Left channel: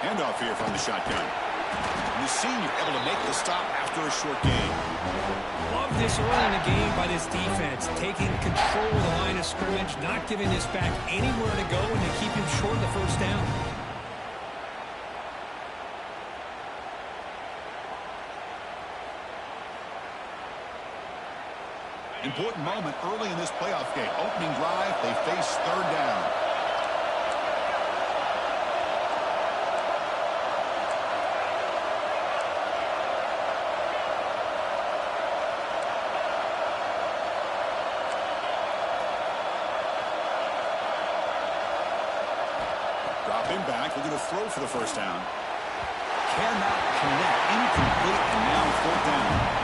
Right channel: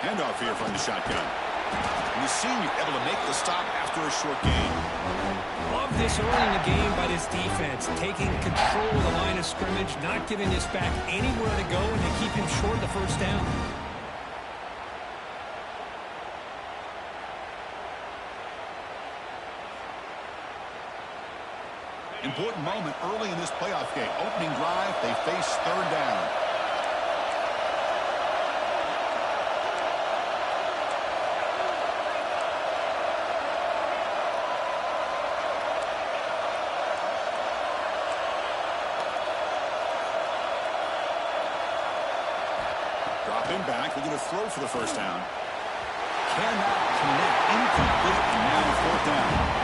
Handoff here from the shotgun. And the senior able to make the stop after a short gain. Love this early in the game by this defense, taking control of the line of scrimmage, not giving this back anywhere to go, and to keep him short of the first down. Important moment early in this playoff game. Opening drive, they face third down. Dropping back, they're going to throw for the first down. Cannot connect, incomplete, and now fourth down.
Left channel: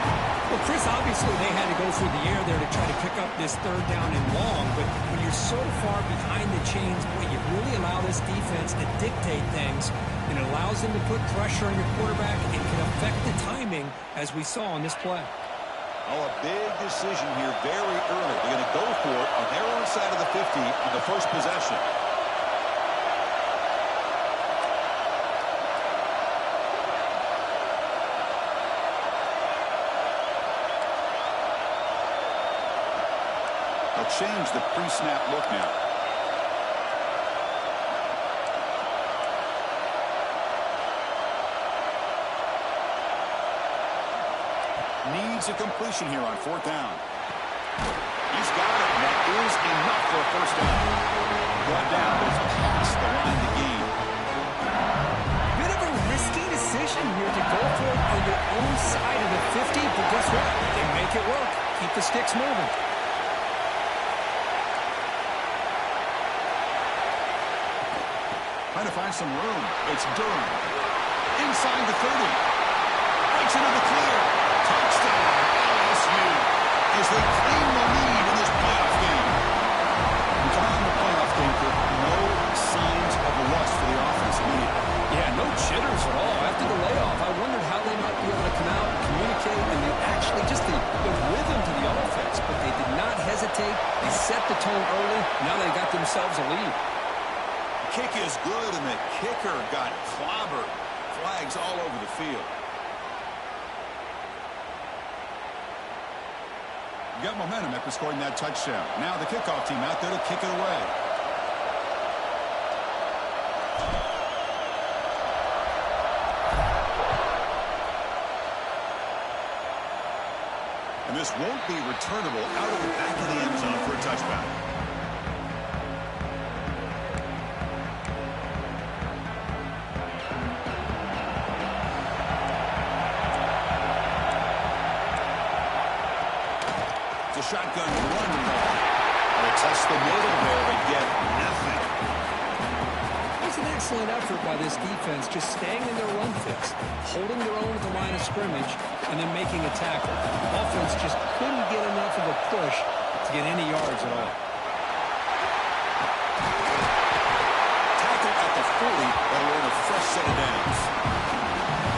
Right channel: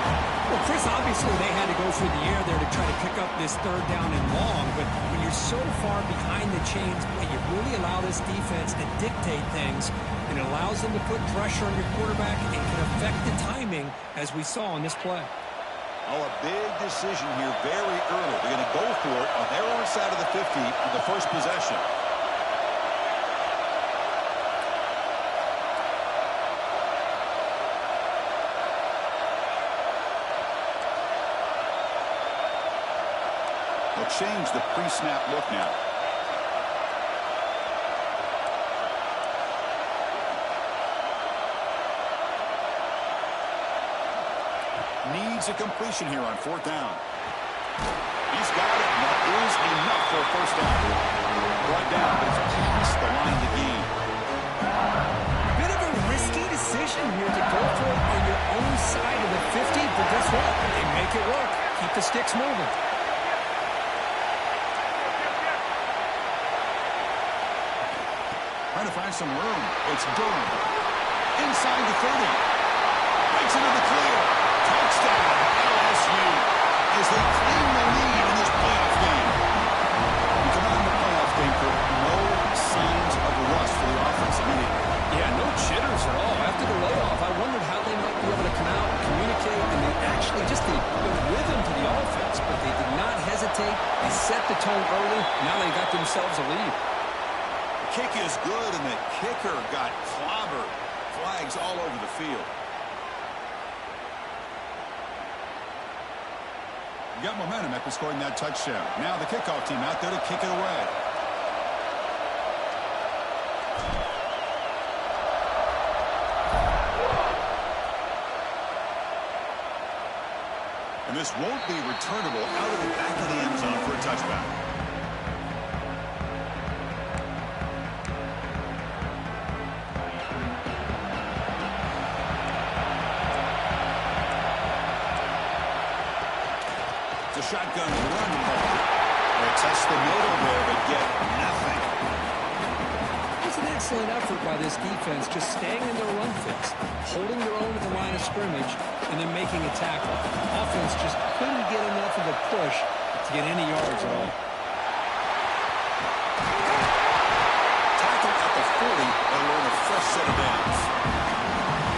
Well, Chris, obviously they had to go through the air there to try to pick up this third down and long, but when you're so far behind the chains, boy, you really allow this defense to dictate things, and it allows them to put pressure on your quarterback and can affect the timing, as we saw on this play. Oh, a big decision here very early. They're going to go for it on their own side of the 50 on the first possession. They'll change the pre-snap look now. Needs a completion here on fourth down. He's got it, and that is enough for a first down. Brought down, but it's past the line to gain. Bit of a risky decision here to go for it on your own side of the 50, but guess what? They make it work. Keep the sticks moving. Trying to find some room. It's Durham. Inside the 30. Breaks into the clear. Touchdown, LSU, as they claim the lead in this playoff game. We come out in the playoff game for no signs of rust for the offense immediately. Yeah, no jitters at all. After the layoff, I wondered how they might be able to come out and communicate, and they actually just the rhythm to the offense, but they did not hesitate. They set the tone early. Now they got themselves a lead. Kick is good, and the kicker got clobbered. Flags all over the field. Got momentum after scoring that touchdown. Now the kickoff team out there to kick it away. And this won't be returnable out of the back of the end zone for a touchback. Shotgun run ball. They test the middle there, but get nothing. It was an excellent effort by this defense, just staying in their run fix, holding their own at the line of scrimmage, and then making a tackle. Offense just couldn't get enough of a push to get any yards at all. Tackle at the 40, that'll earn a fresh set of downs.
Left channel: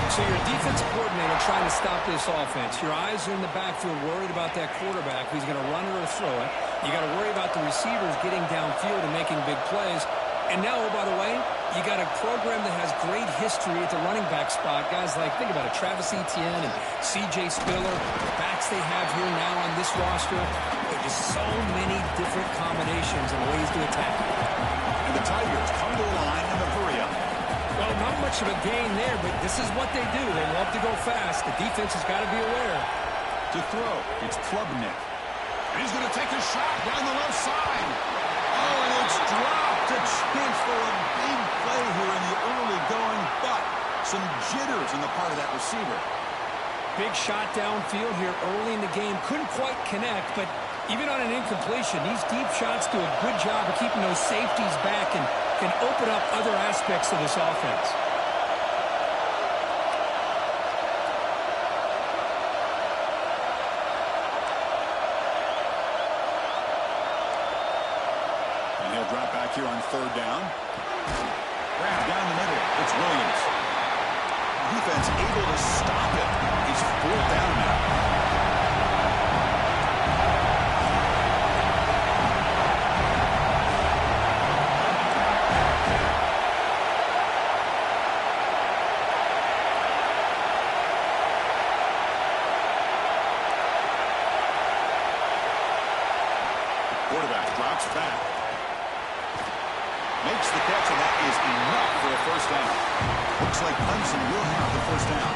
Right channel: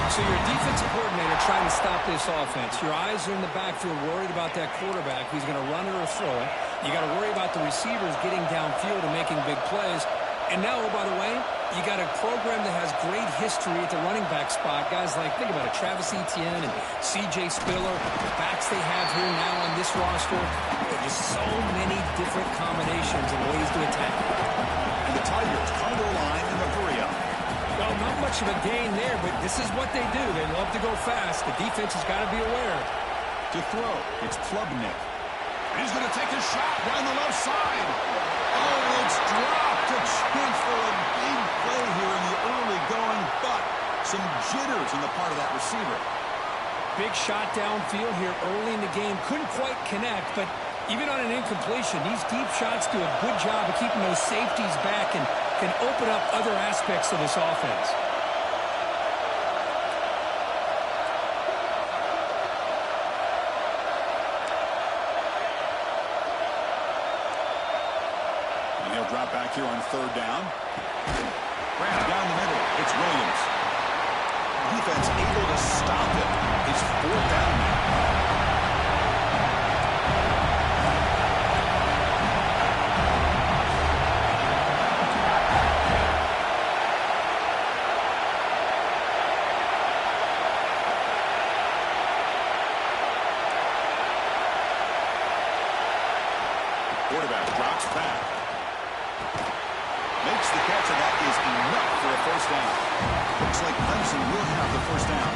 So your defensive coordinator trying to stop this offense. Your eyes are in the backfield worried about that quarterback who's going to run it or throw it. You got to worry about the receivers getting downfield and making big plays. And now, oh, by the way, you got a program that has great history at the running back spot. Guys like, think about it, Travis Etienne and C.J. Spiller, the backs they have here now on this roster. There are just so many different combinations and ways to attack. And the Tigers come to the line in the hurry up. Well, not much of a gain there, but this is what they do. They love to go fast. The defense has got to be aware. To throw, it's Klubnik. And he's going to take a shot down the left side. Oh, and it's dropped. A chance for a big play here in the early going, but some jitters on the part of that receiver. Big shot downfield here early in the game. Couldn't quite connect, but even on an incompletion, these deep shots do a good job of keeping those safeties back and can open up other aspects of this offense. And he'll drop back here on third down. Down the middle, it's Williams. Defense able to stop it. It's fourth down now. quarterback drops back. Makes the catch, and that is enough for a first down. Looks like Clemson will have the first down.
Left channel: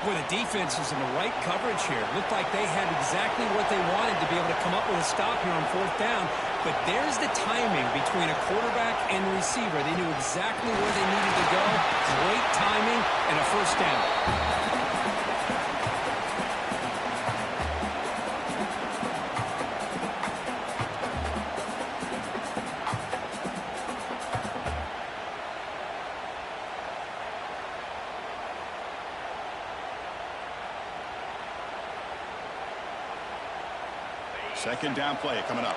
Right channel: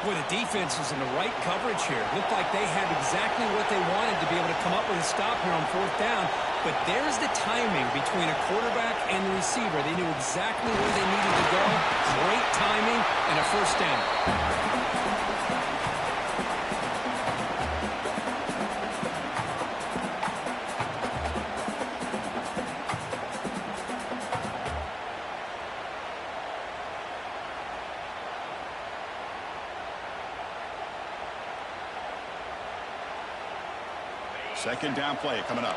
Boy, the defense was in the right coverage here. Looked like they had exactly what they wanted to be able to come up with a stop here on fourth down. But there's the timing between a quarterback and the receiver. They knew exactly where they needed to go. Great timing and a first down. Second down play coming up.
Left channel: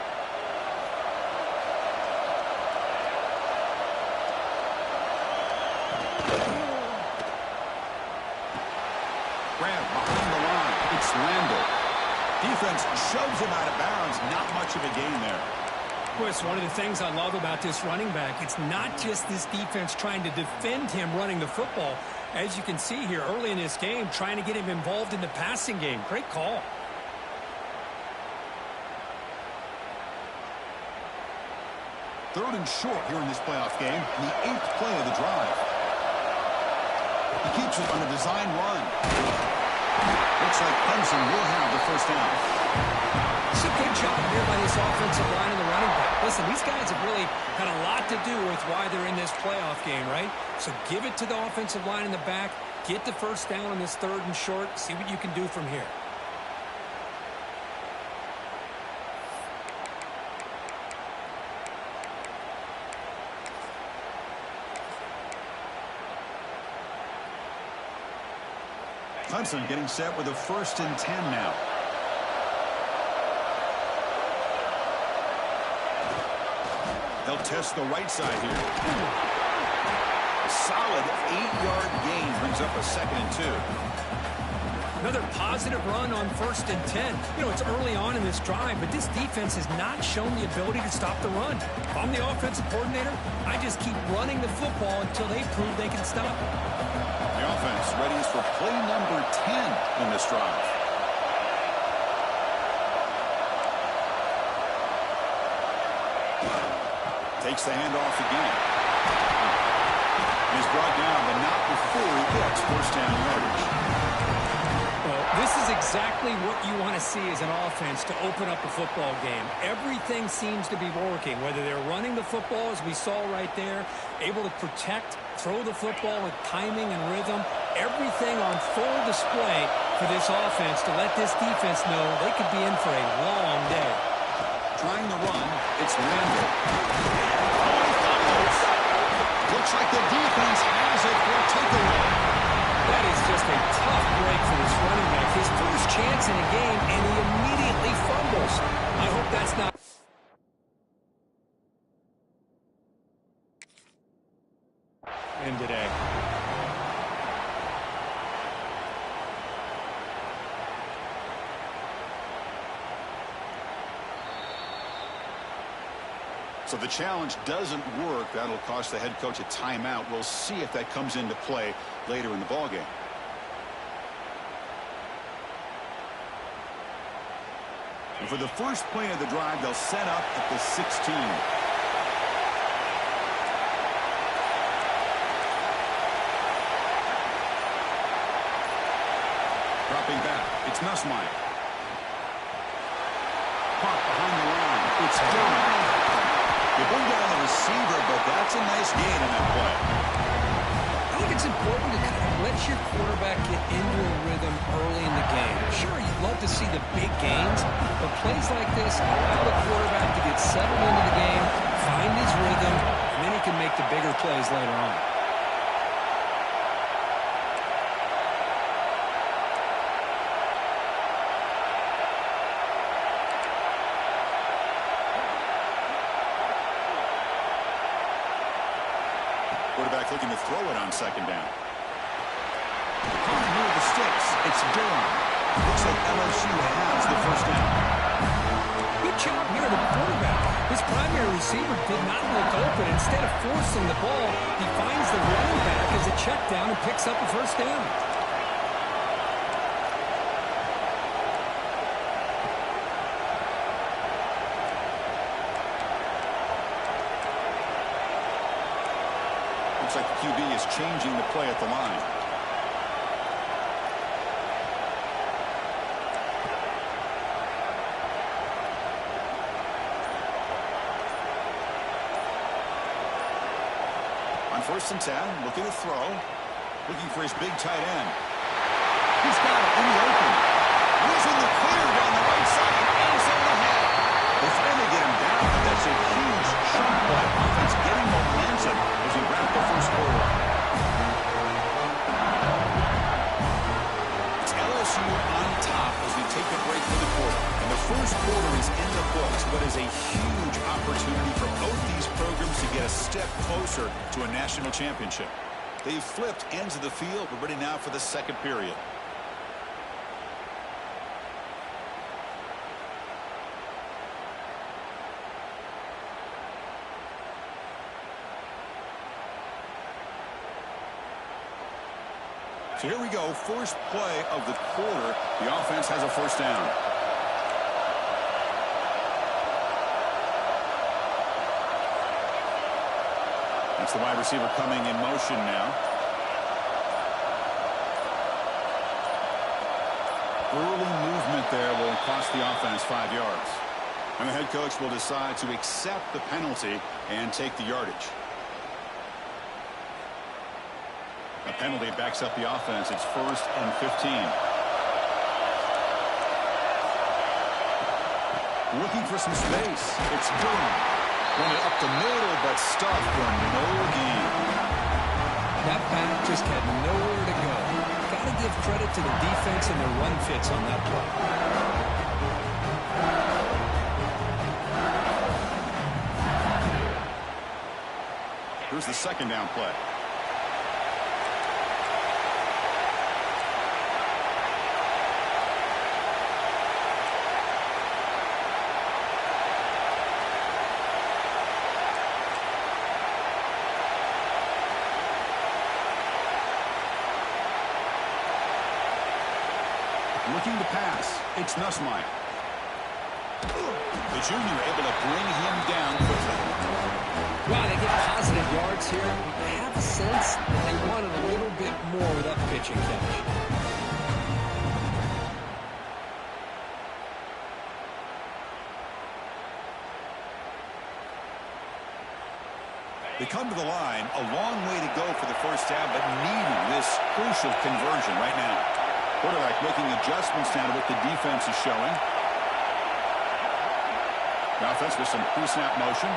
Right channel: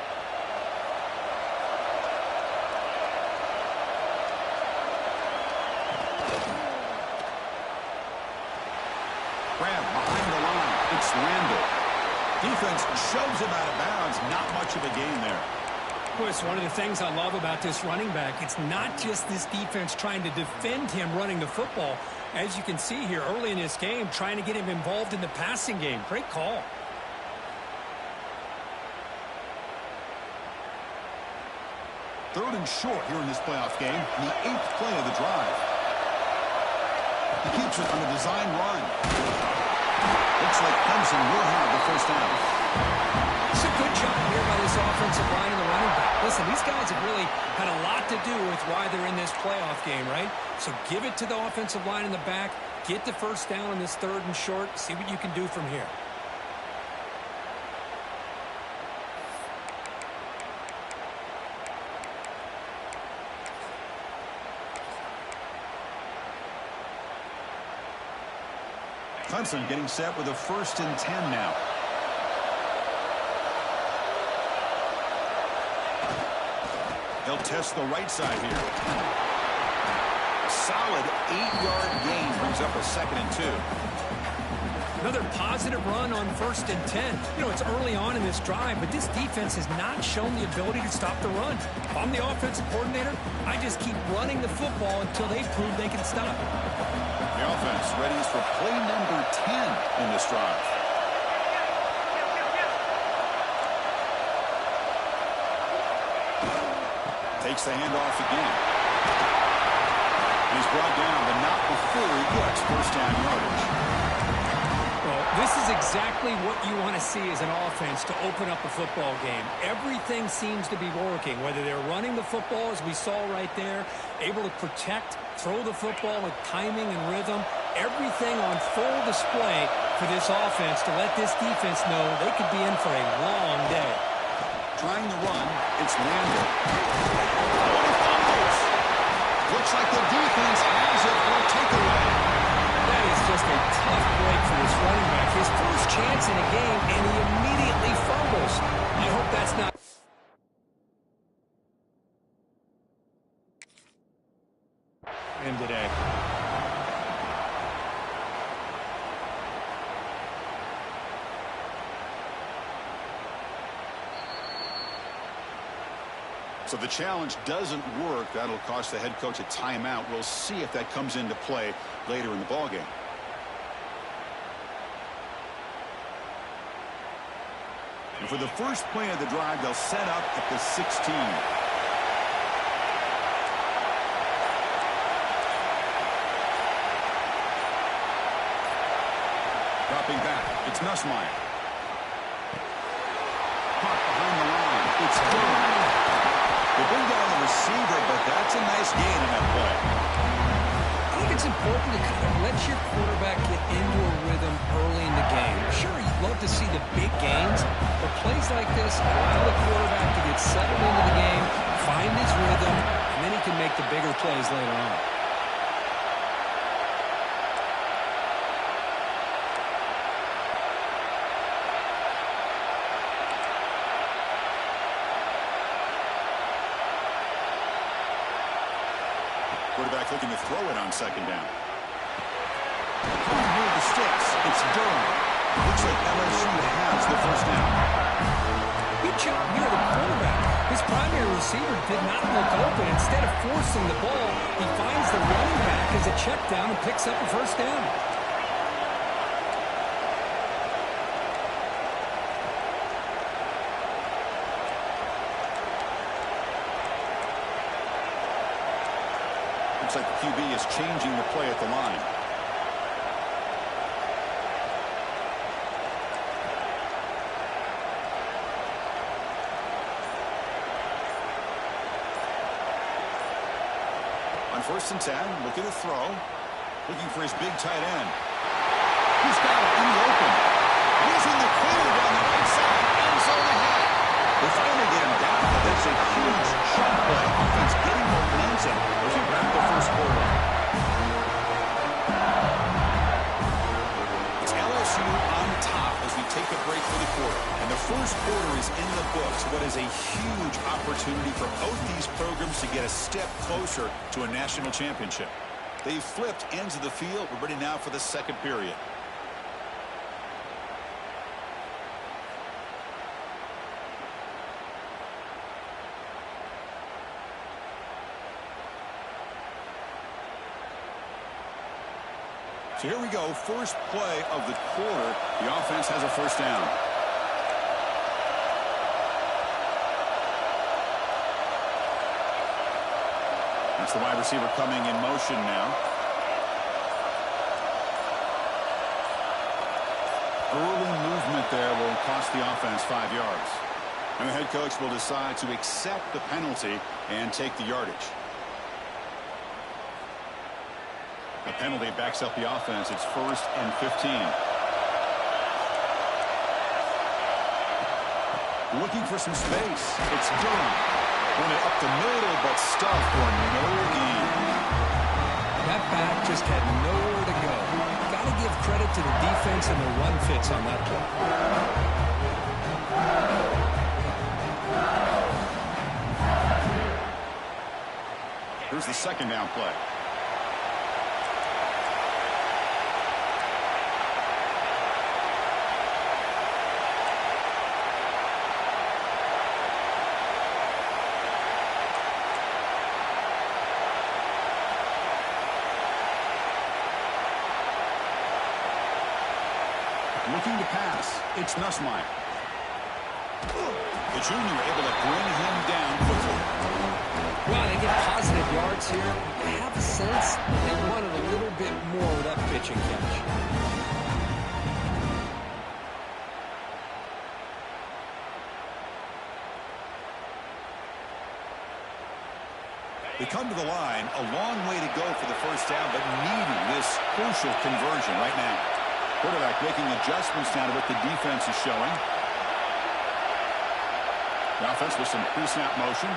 Grab behind the line. It's Randall. Defense shoves him out of bounds. Not much of a gain there. Boy, it's one of the things I love about this running back. It's not just this defense trying to defend him running the football. As you can see here early in this game, trying to get him involved in the passing game. Great call. Third and short here in this playoff game, the 8th play of the drive. He keeps it on a design run. Looks like Clemson will have the first down. It's a good job here by this offensive line and the running back. Listen, these guys have really had a lot to do with why they're in this playoff game, right? So give it to the offensive line in the back. Get the first down on this third and short. See what you can do from here. Clemson getting set with a 1st and 10 now. They'll test the right side here. A solid 8-yard gain brings up a 2nd and 2. Another positive run on 1st and 10. You know, it's early on in this drive, but this defense has not shown the ability to stop the run. If I'm the offensive coordinator, I just keep running the football until they prove they can stop it. The offense readies for play number 10 in this drive. Takes the handoff again. And he's brought down, but not before he gets first down yardage. Well, this is exactly what you want to see as an offense to open up a football game. Everything seems to be working, whether they're running the football, as we saw right there, able to protect, throw the football with timing and rhythm. Everything on full display for this offense to let this defense know they could be in for a long day. Trying to run, it's Randall. Oh, he fumbles. Looks like the defense has it for a takeaway. That is just a tough break for this running back. His first chance in a game, and he immediately fumbles. I hope that's not him today. So the challenge doesn't work. That'll cost the head coach a timeout. We'll see if that comes into play later in the ballgame. And for the first play of the drive, they'll set up at the 16. Dropping back, it's Nussmeier. Caught behind the line, it's Durham. They bring down the receiver, but that's a nice gain in that play. I think it's important to kind of let your quarterback get into a rhythm early in the game. Sure, you'd love to see the big gains, but plays like this allow the quarterback to get settled into the game, find his rhythm, and then he can make the bigger plays later on. Quarterback looking to throw it on 2nd down. Caught near the sticks. It's Durham. Looks like LSU has the first down. Good job here, the quarterback. His primary receiver did not look open. Instead of forcing the ball, he finds the running back as a check down and picks up a first down. Looks like the QB is changing the play at the line. On 1st and 10, looking to throw. Looking for his big tight end. He's got it in the open. And he's in the clear down the right side. End zone ahead. They finally get him down, but that's a huge chunk play. Offense getting momentum as we wrap the first quarter up. It's LSU on top as we take a break for the quarter. And the first quarter is in the books. What is a huge opportunity for both these programs to get a step closer to a national championship. They've flipped ends of the field. We're ready now for the second period. So here we go, first play of the quarter. The offense has a first down. That's the wide receiver coming in motion now. Early movement there will cost the offense 5 yards. And the head coach will decide to accept the penalty and take the yardage. The penalty backs up the offense. It's 1st and 15. Looking for some space. It's Durham. Run it up the middle, but stuffed for no gain. That back just had nowhere to go. Got to give credit to the defense and the run fits on that play. Here's the second down play. Looking to pass. It's Nussmeier. The junior able to bring him down quickly. Wow, they get positive yards here. I have a sense that they wanted a little bit more with that pitch and catch. They come to the line. A long way to go for the first down, but needing this crucial conversion right now. Quarterback making adjustments now to what the defense is showing. The offense with some pre-snap motion.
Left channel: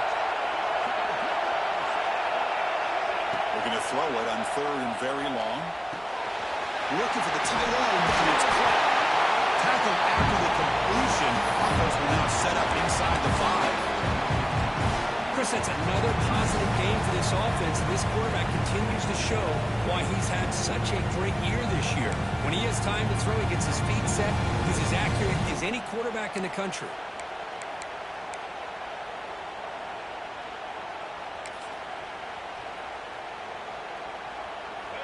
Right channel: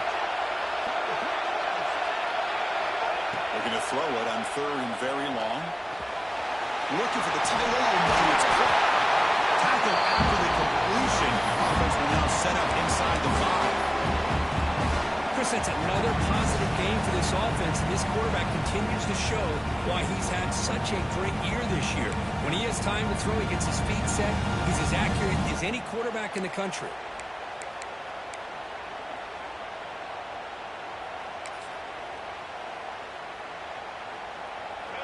Looking to throw it on 3rd and very long. Looking for the tight end, and it's caught. Tackle after the completion. Offense will now set up inside the 5. Chris, that's another positive game for this offense, and this quarterback continues to show why he's had such a great year this year. When he has time to throw, he gets his feet set. He's as accurate as any quarterback in the country.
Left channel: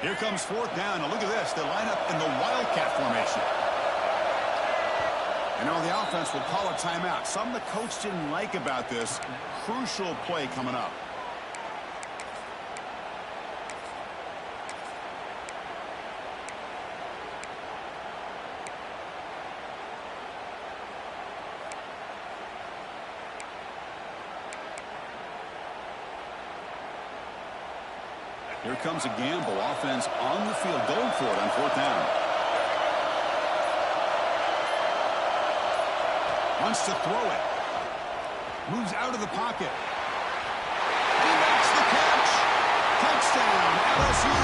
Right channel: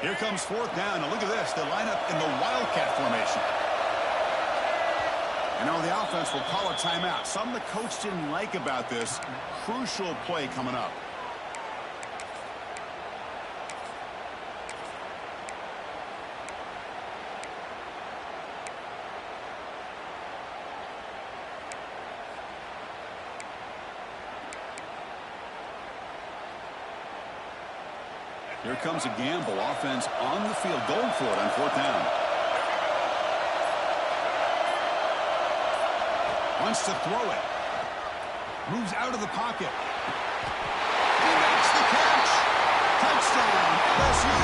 Here comes 4th down. Now look at this. They line up in the Wildcat formation. And now the offense will call a timeout. Something the coach didn't like about this. Crucial play coming up. Here comes a gamble. Offense on the field, going for it on 4th down. Wants to throw it. Moves out of the pocket. He makes the catch. Touchdown, LSU.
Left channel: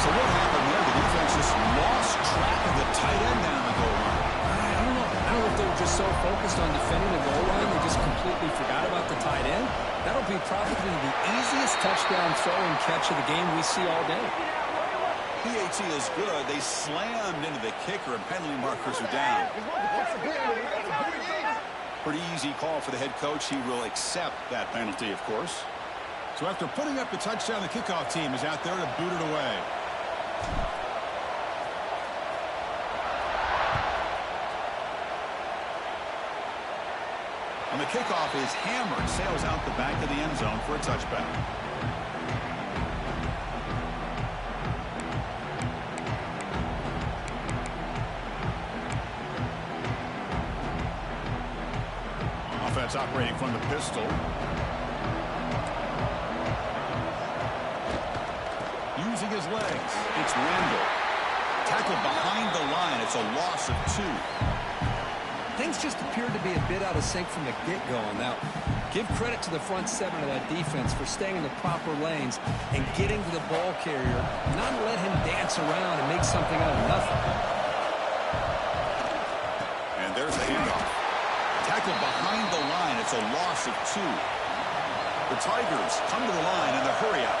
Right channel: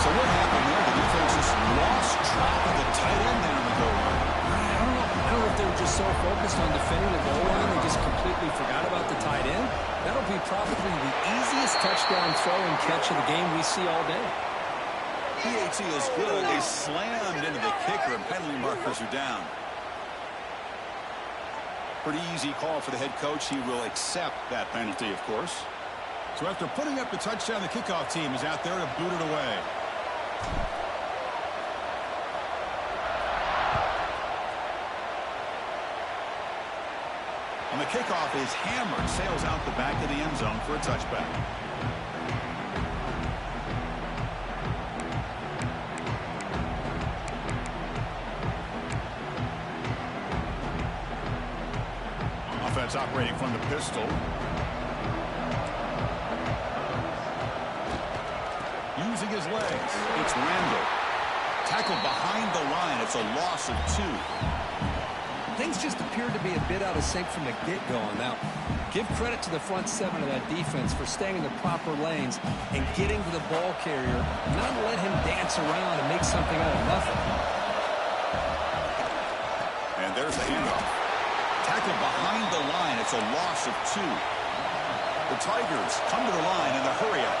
So what happened there? The defense just lost track of the tight end down the goal line. I don't know. I don't know if they were just so focused on defending the goal line, they just completely forgot about the tight end. That'll be probably the easiest touchdown throw and catch of the game we see all day. PAT is good. They slammed into the kicker, and penalty markers are down. Pretty easy call for the head coach. He will accept that penalty, of course. So after putting up the touchdown, the kickoff team is out there to boot it away. On the kickoff is hammered, sails out the back of the end zone for a touchback. Offense operating from the pistol. Using his legs. It's Randall. Tackled behind the line. It's a loss of 2. Things just appeared to be a bit out of sync from the get-go on that. Give credit to the front 7 of that defense for staying in the proper lanes and getting to the ball carrier, not let him dance around and make something out of nothing. And there's the handoff. Tackled behind the line. It's a loss of 2. The Tigers come to the line in the hurry-up.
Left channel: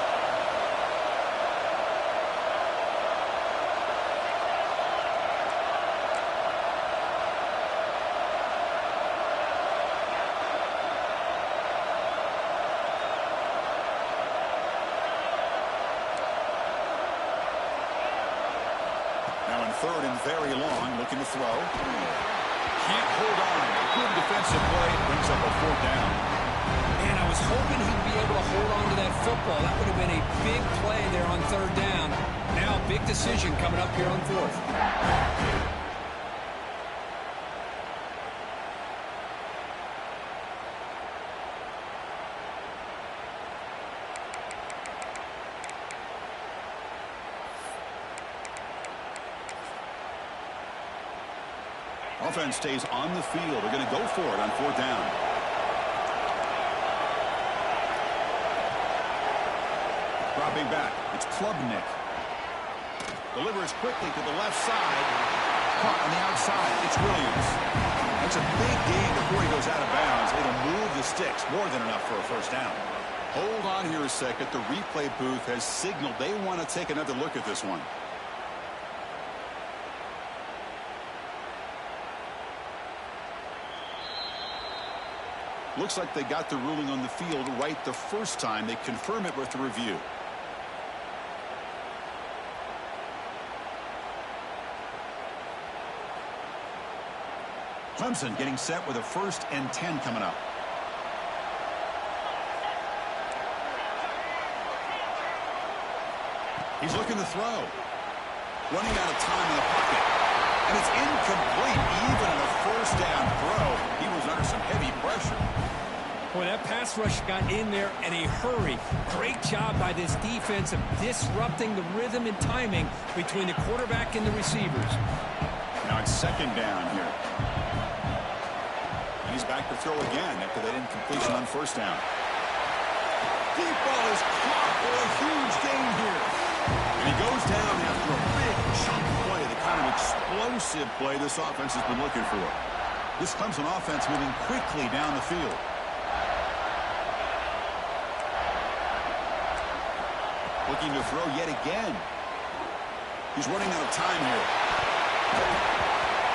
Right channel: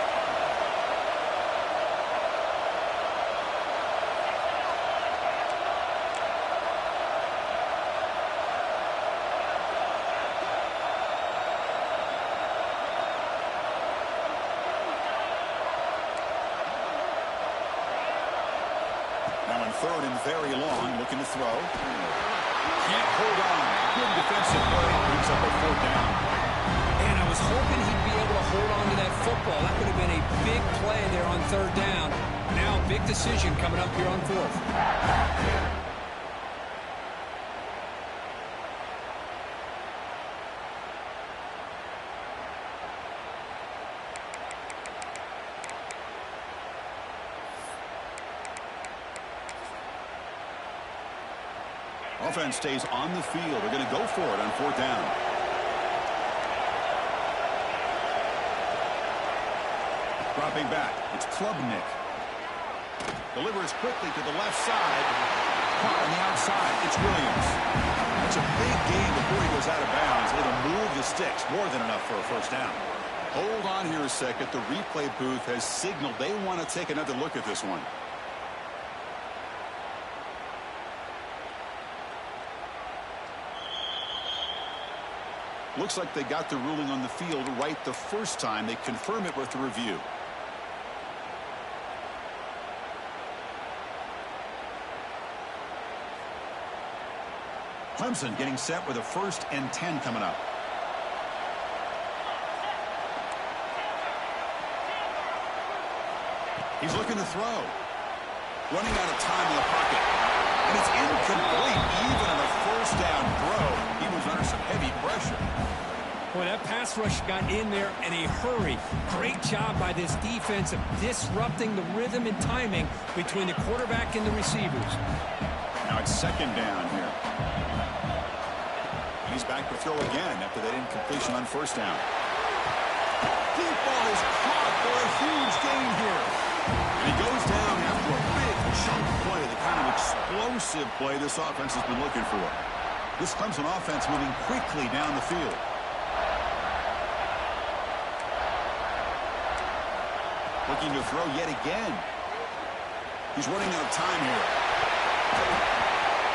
Now in 3rd and very long, looking to throw. Can't hold on. Good defensive play. Brings up a 4th down. And I was hoping he'd be able to hold on to that football. That would have been a big play there on 3rd down. Now, big decision coming up here on 4th. Offense stays on the field. They're going to go for it on 4th down. Dropping back. It's Klubnik. Delivers quickly to the left side. Caught on the outside. It's Williams. That's a big gain before he goes out of bounds. It'll move the sticks. More than enough for a 1st down. Hold on here a second. The replay booth has signaled they want to take another look at this one. Looks like they got the ruling on the field right the first time. They confirm it with the review. Clemson getting set with a 1st and 10 coming up. He's looking to throw. Running out of time in the pocket. And it's incomplete. Even on a 1st down throw, he was under some heavy pressure. Boy, that pass rush got in there in a hurry. Great job by this defense of disrupting the rhythm and timing between the quarterback and the receivers. Now it's 2nd down here. And he's back to throw again after that incompletion on 1st down. Deep ball is caught for a huge gain here. And he goes down after a big chunk play, the kind of explosive play this offense has been looking for. This Clemson offense moving quickly down the field. Looking to throw yet again. He's running out of time here.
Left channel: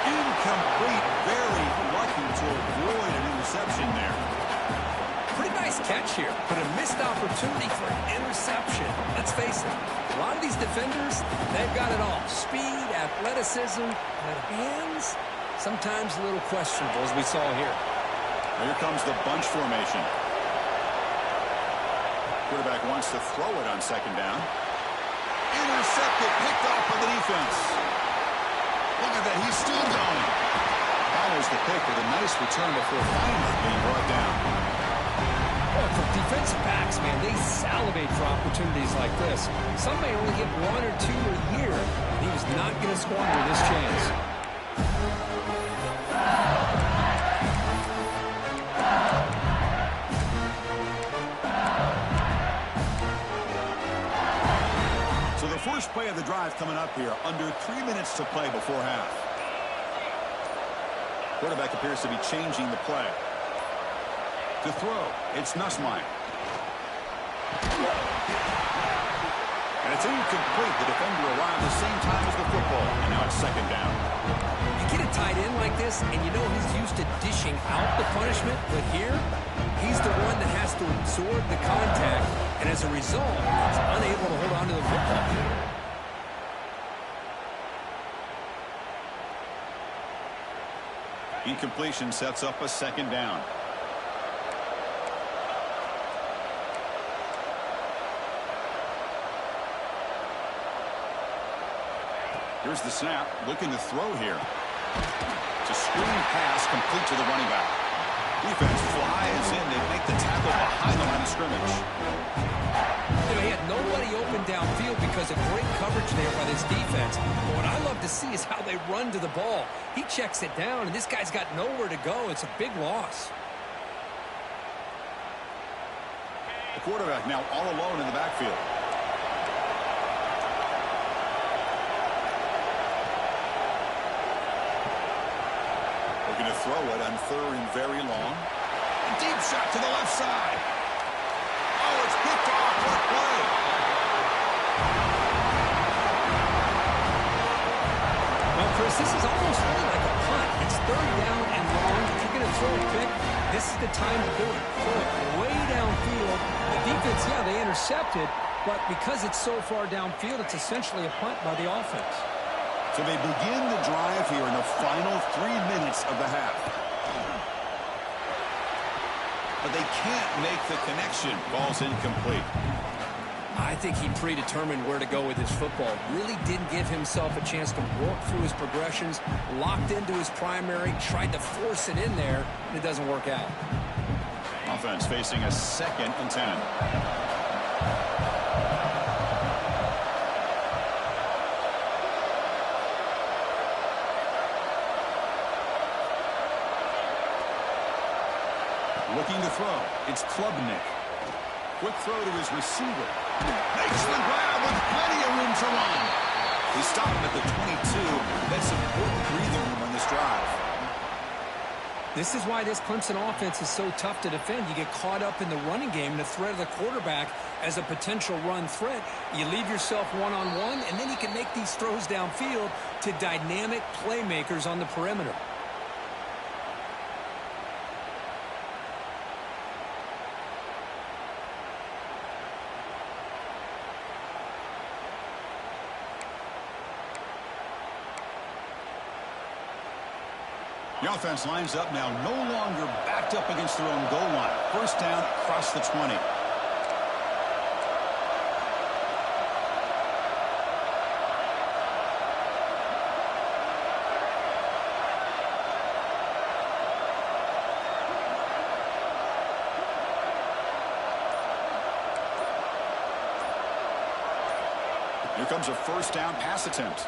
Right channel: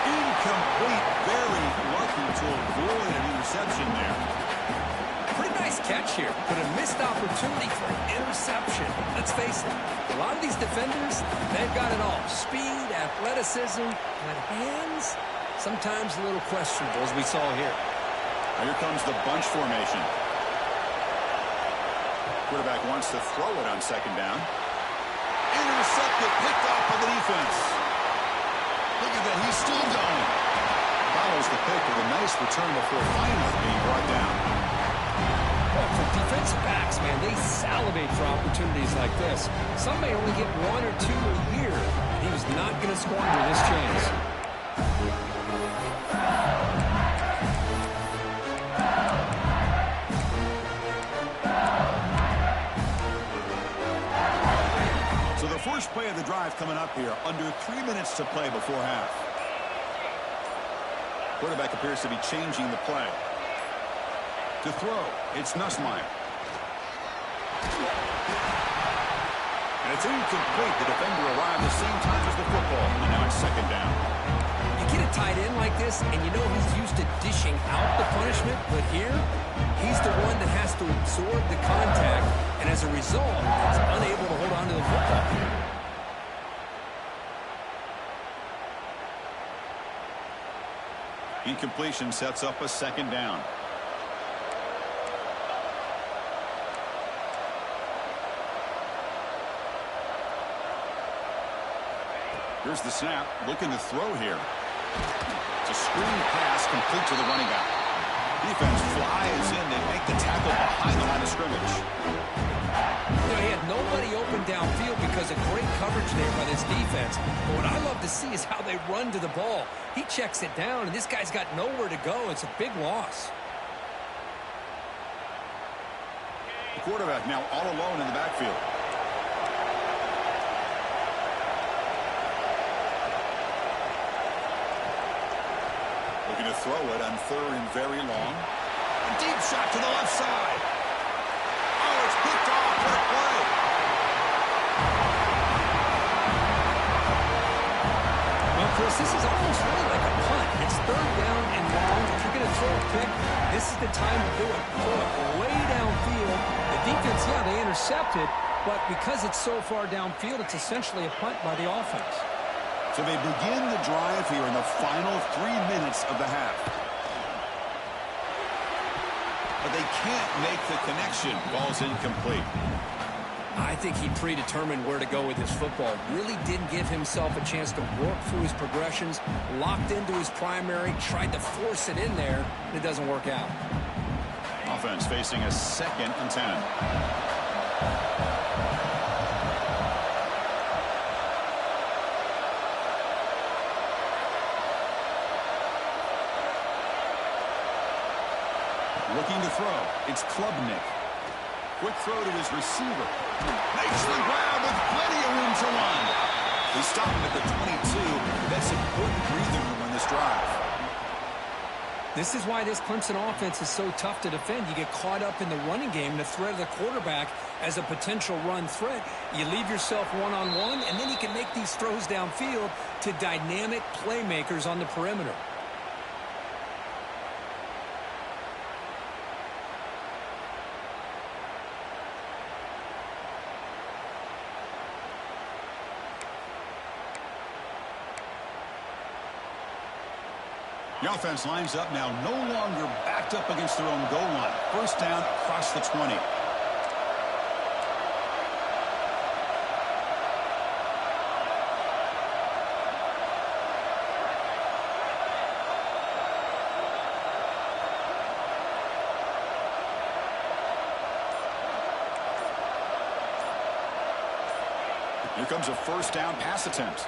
Incomplete. Very lucky to avoid an interception there. Pretty nice catch here, but a missed opportunity for an interception. Let's face it, a lot of these defenders, they've got it all. Speed, athleticism, but hands, sometimes a little questionable, as we saw here. Now here comes the bunch formation. Quarterback wants to throw it on 2nd down. Intercepted, picked off by the defense. Look at that, he's still going. Follows the pick with a nice return before finally being brought down. Well, for defensive backs, man, they salivate for opportunities like this. Some may only get 1 or 2 a year, and he was not going to squander this chance. So the first play of the drive coming up here, under 3 minutes to play before half. Quarterback appears to be changing the play. To throw, it's Nussmeier. And it's incomplete. The defender arrived the same time as the football, and now it's 2nd down. You get a tight end like this, and you know he's used to dishing out the punishment, but here, he's the one that has to absorb the contact, and as a result, he's unable to hold on to the football. Incompletion sets up a 2nd down. Here's the snap, looking to throw here. It's a screen pass complete to the running back. Defense flies in. They make the tackle behind the line of scrimmage. You know, he had nobody open downfield because of great coverage there by this defense. But what I love to see is how they run to the ball. He checks it down, and this guy's got nowhere to go. It's a big loss. The quarterback now all alone in the backfield. Looking to throw it on 3rd and very long. A deep shot to the left side. Oh, it's picked off. What a play. Well, Chris, this is almost really like a punt. It's 3rd down and long. If you're going to throw a pick, this is the time to do it. Throw it way downfield. The defense, yeah, they intercepted, but because it's so far downfield, it's essentially a punt by the offense. So they begin the drive here in the final 3 minutes of the half. But they can't make the connection. Ball's incomplete. I think he predetermined where to go with his football. Really didn't give himself a chance to work through his progressions. Locked into his primary, tried to force it in there, and it doesn't work out. Offense facing a 2nd and 10. Looking to throw. It's Klubnik. Quick throw to his receiver. Makes the grab with plenty of room to run. They stop him at the 22. That's important breathing room on this drive. This is why this Clemson offense is so tough to defend. You get caught up in the running game and the threat of the quarterback as a potential run threat. You leave yourself one-on-one, and then you can make these throws downfield to dynamic playmakers on the perimeter. The offense lines up now, no longer backed up against their own goal line. 1st down across the 20. Here comes a 1st down pass attempt.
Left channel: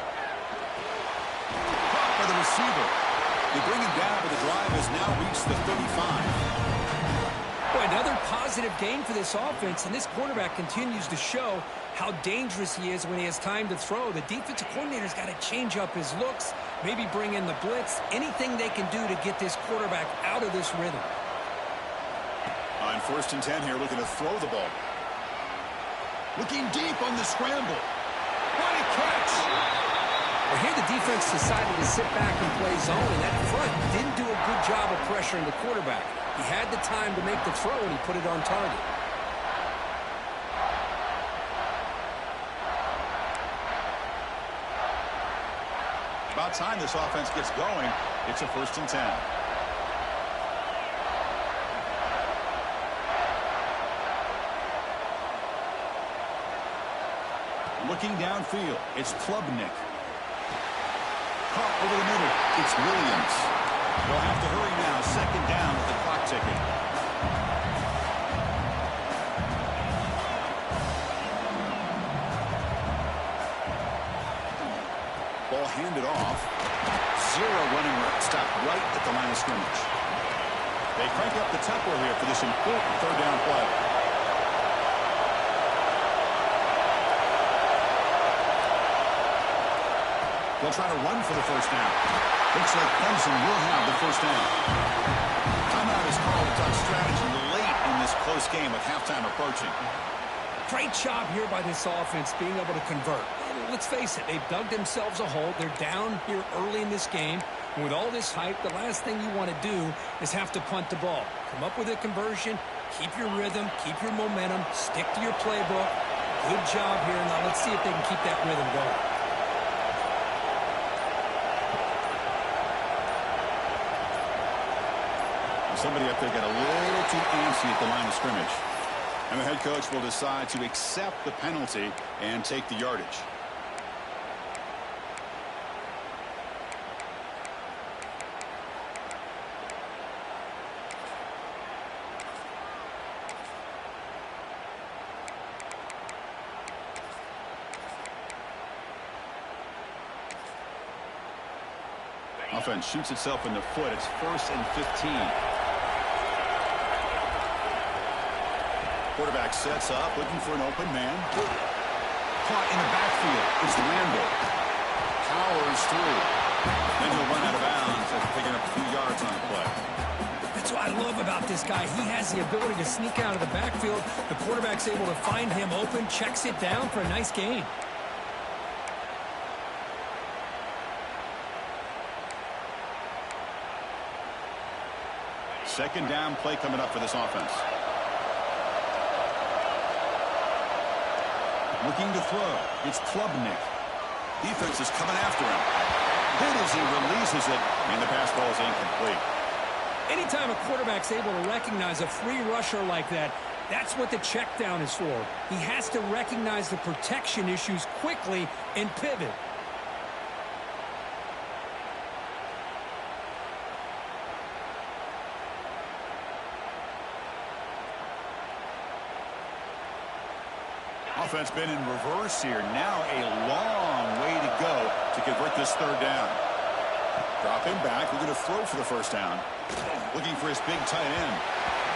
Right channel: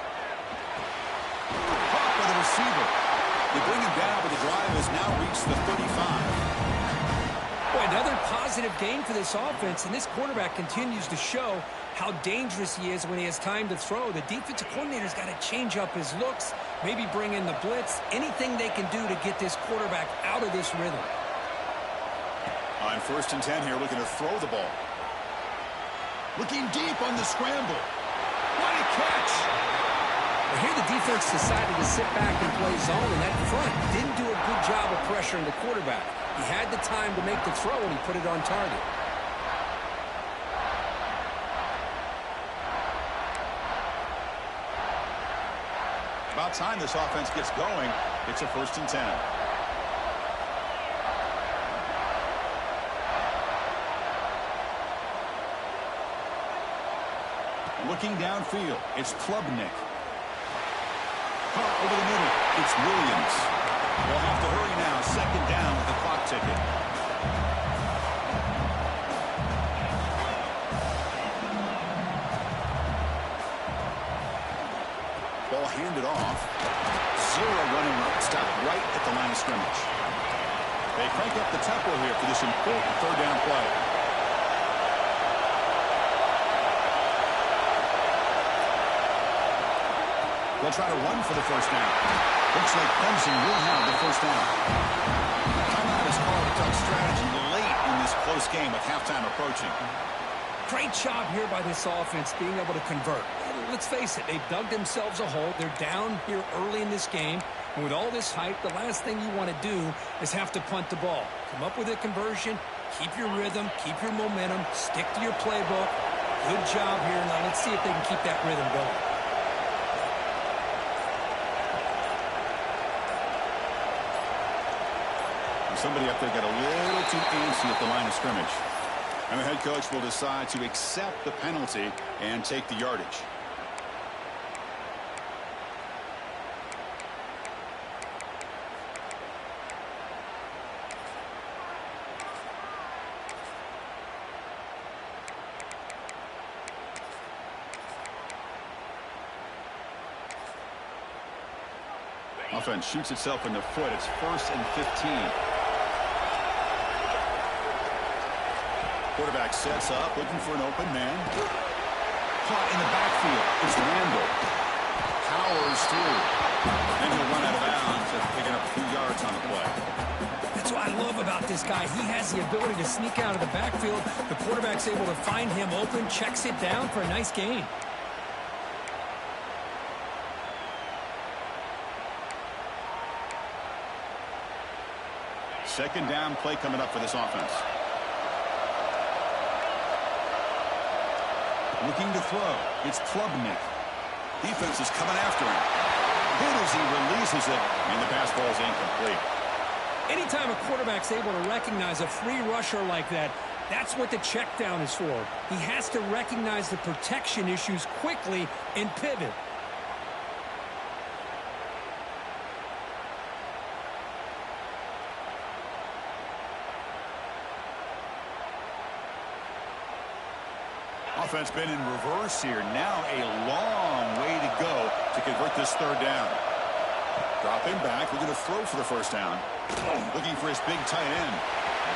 Caught by the receiver. They bring him down, but the drive has now reached the 35. Boy, another positive gain for this offense, and this quarterback continues to show how dangerous he is when he has time to throw. The defensive coordinator's got to change up his looks, maybe bring in the blitz, anything they can do to get this quarterback out of this rhythm. On 1st and 10 here, looking to throw the ball. Looking deep on the scramble. What a catch! Well, here the defense decided to sit back and play zone, and that front didn't do a good job of pressuring the quarterback. He had the time to make the throw, and he put it on target. About time this offense gets going. It's a 1st and 10. Looking downfield, it's Klubnik. Caught over the middle. It's Williams. They'll have to hurry now. 2nd down with the clock ticking. Ball handed off. 0 running room. Stopped right at the line of scrimmage. They crank up the tempo here for this important 3rd down play. They'll try to run for the 1st down. Looks like Clemson will have the 1st down. Timeout is called to talk strategy late in this close game with halftime approaching. Great job here by this offense being able to convert. Let's face it, they've dug themselves a hole. They're down here early in this game. And with all this hype, the last thing you want to do is have to punt the ball. Come up with a conversion, keep your rhythm, keep your momentum, stick to your playbook. Good job here. Now let's see if they can keep that rhythm going. Somebody up there got a little too antsy at the line of scrimmage. And the head coach will decide to accept the penalty and take the yardage. Offense shoots itself in the foot. It's 1st and 15. Quarterback sets up, looking for an open man. Caught in the backfield. It's Randall. Powers through. Then he'll run out of bounds after picking up a few yards on the play. That's what I love about this guy. He has the ability to sneak out of the backfield. The quarterback's able to find him open, checks it down for a nice gain. Second down play coming up for this offense. Looking to throw. It's Klubnik. Defense is coming after him. Hit as he releases it. And the pass ball is incomplete. Anytime a quarterback's able to recognize a free rusher like that, that's what the check down is for. He has to recognize the protection issues quickly and pivot. Offense been in reverse here. Now a long way to go to convert this third down. Dropping back. We're going to throw for the first down. Looking for his big tight end.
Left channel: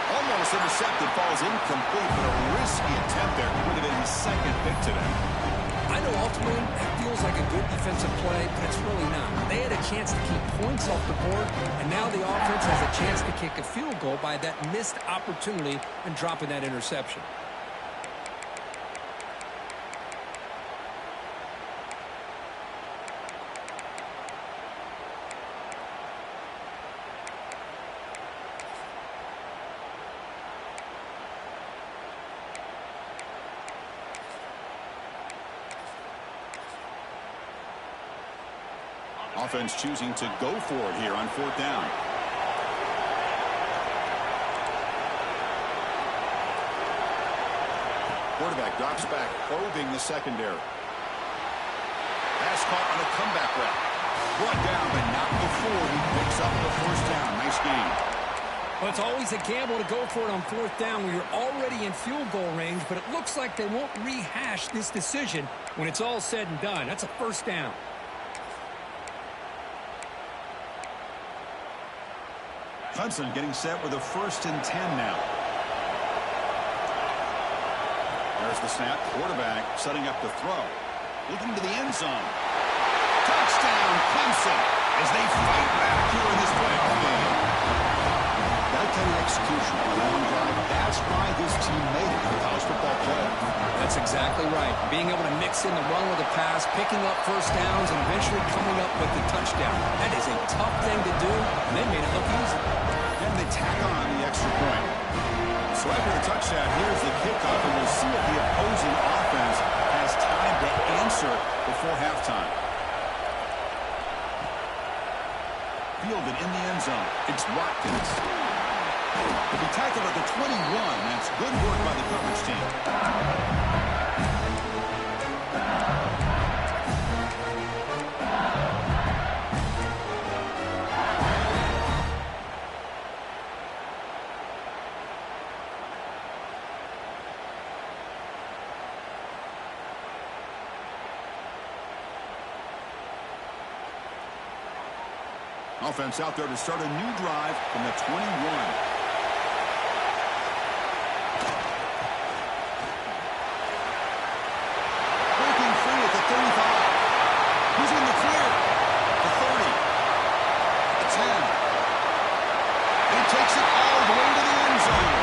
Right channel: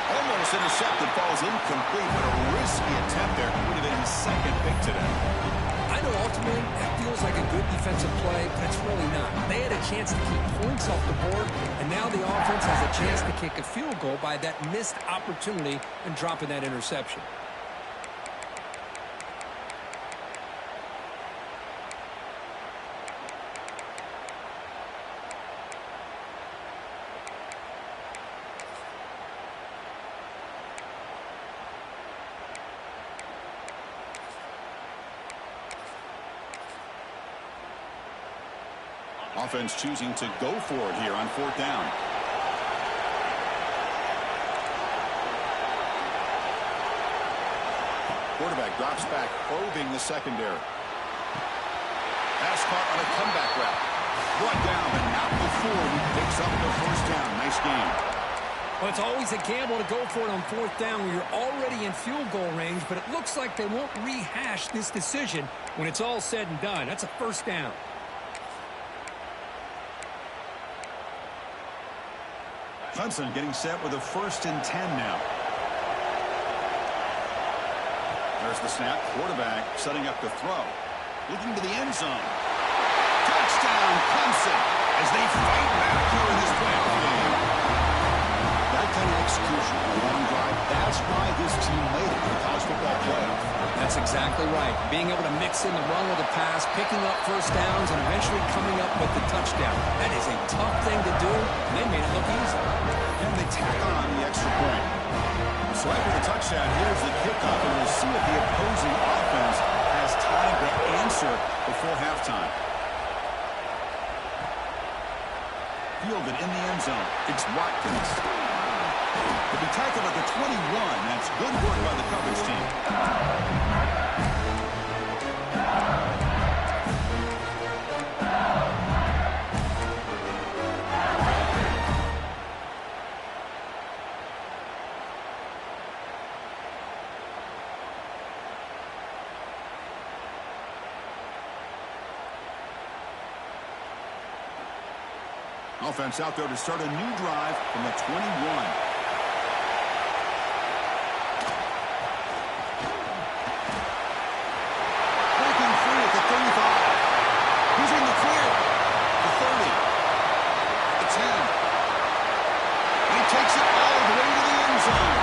Almost intercepted. Falls incomplete, but a risky attempt there. Would have been his second pick today. I know ultimately that feels like a good defensive play, but it's really not. They had a chance to keep points off the board, and now the offense has a chance to kick a field goal by that missed opportunity and dropping that interception. Offense choosing to go for it here on 4th down. Quarterback drops back, probing the secondary. Pass caught on a comeback route. Brought down, but not before he picks up the first down. Nice game. Well, it's always a gamble to go for it on 4th down when you're already in field goal range, but it looks like they won't rehash this decision when it's all said and done. That's a first down. Clemson getting set with a 1st and 10 now. There's the snap. Quarterback setting up to throw. Looking to the end zone. Touchdown, Clemson, as they fight back here in this playoff game. That kind of execution on a long drive, that's why this team made it to the college football playoff. That's exactly right. Being able to mix in the run with the pass, picking up first downs, and eventually coming up with the touchdown. That is a tough thing to do, and they made it look easy. And they tack on the extra point. So after the touchdown, here's the kickoff, and we'll see if the opposing offense has time to answer before halftime. Fielded in the end zone. It's Watkins. He'll be tackled at the 21. That's good work by the coverage team. Offense out there to start a new drive from the 21. Breaking free at the 35. He's in the clear. The 30. The 10. And he takes it all the way to the end zone.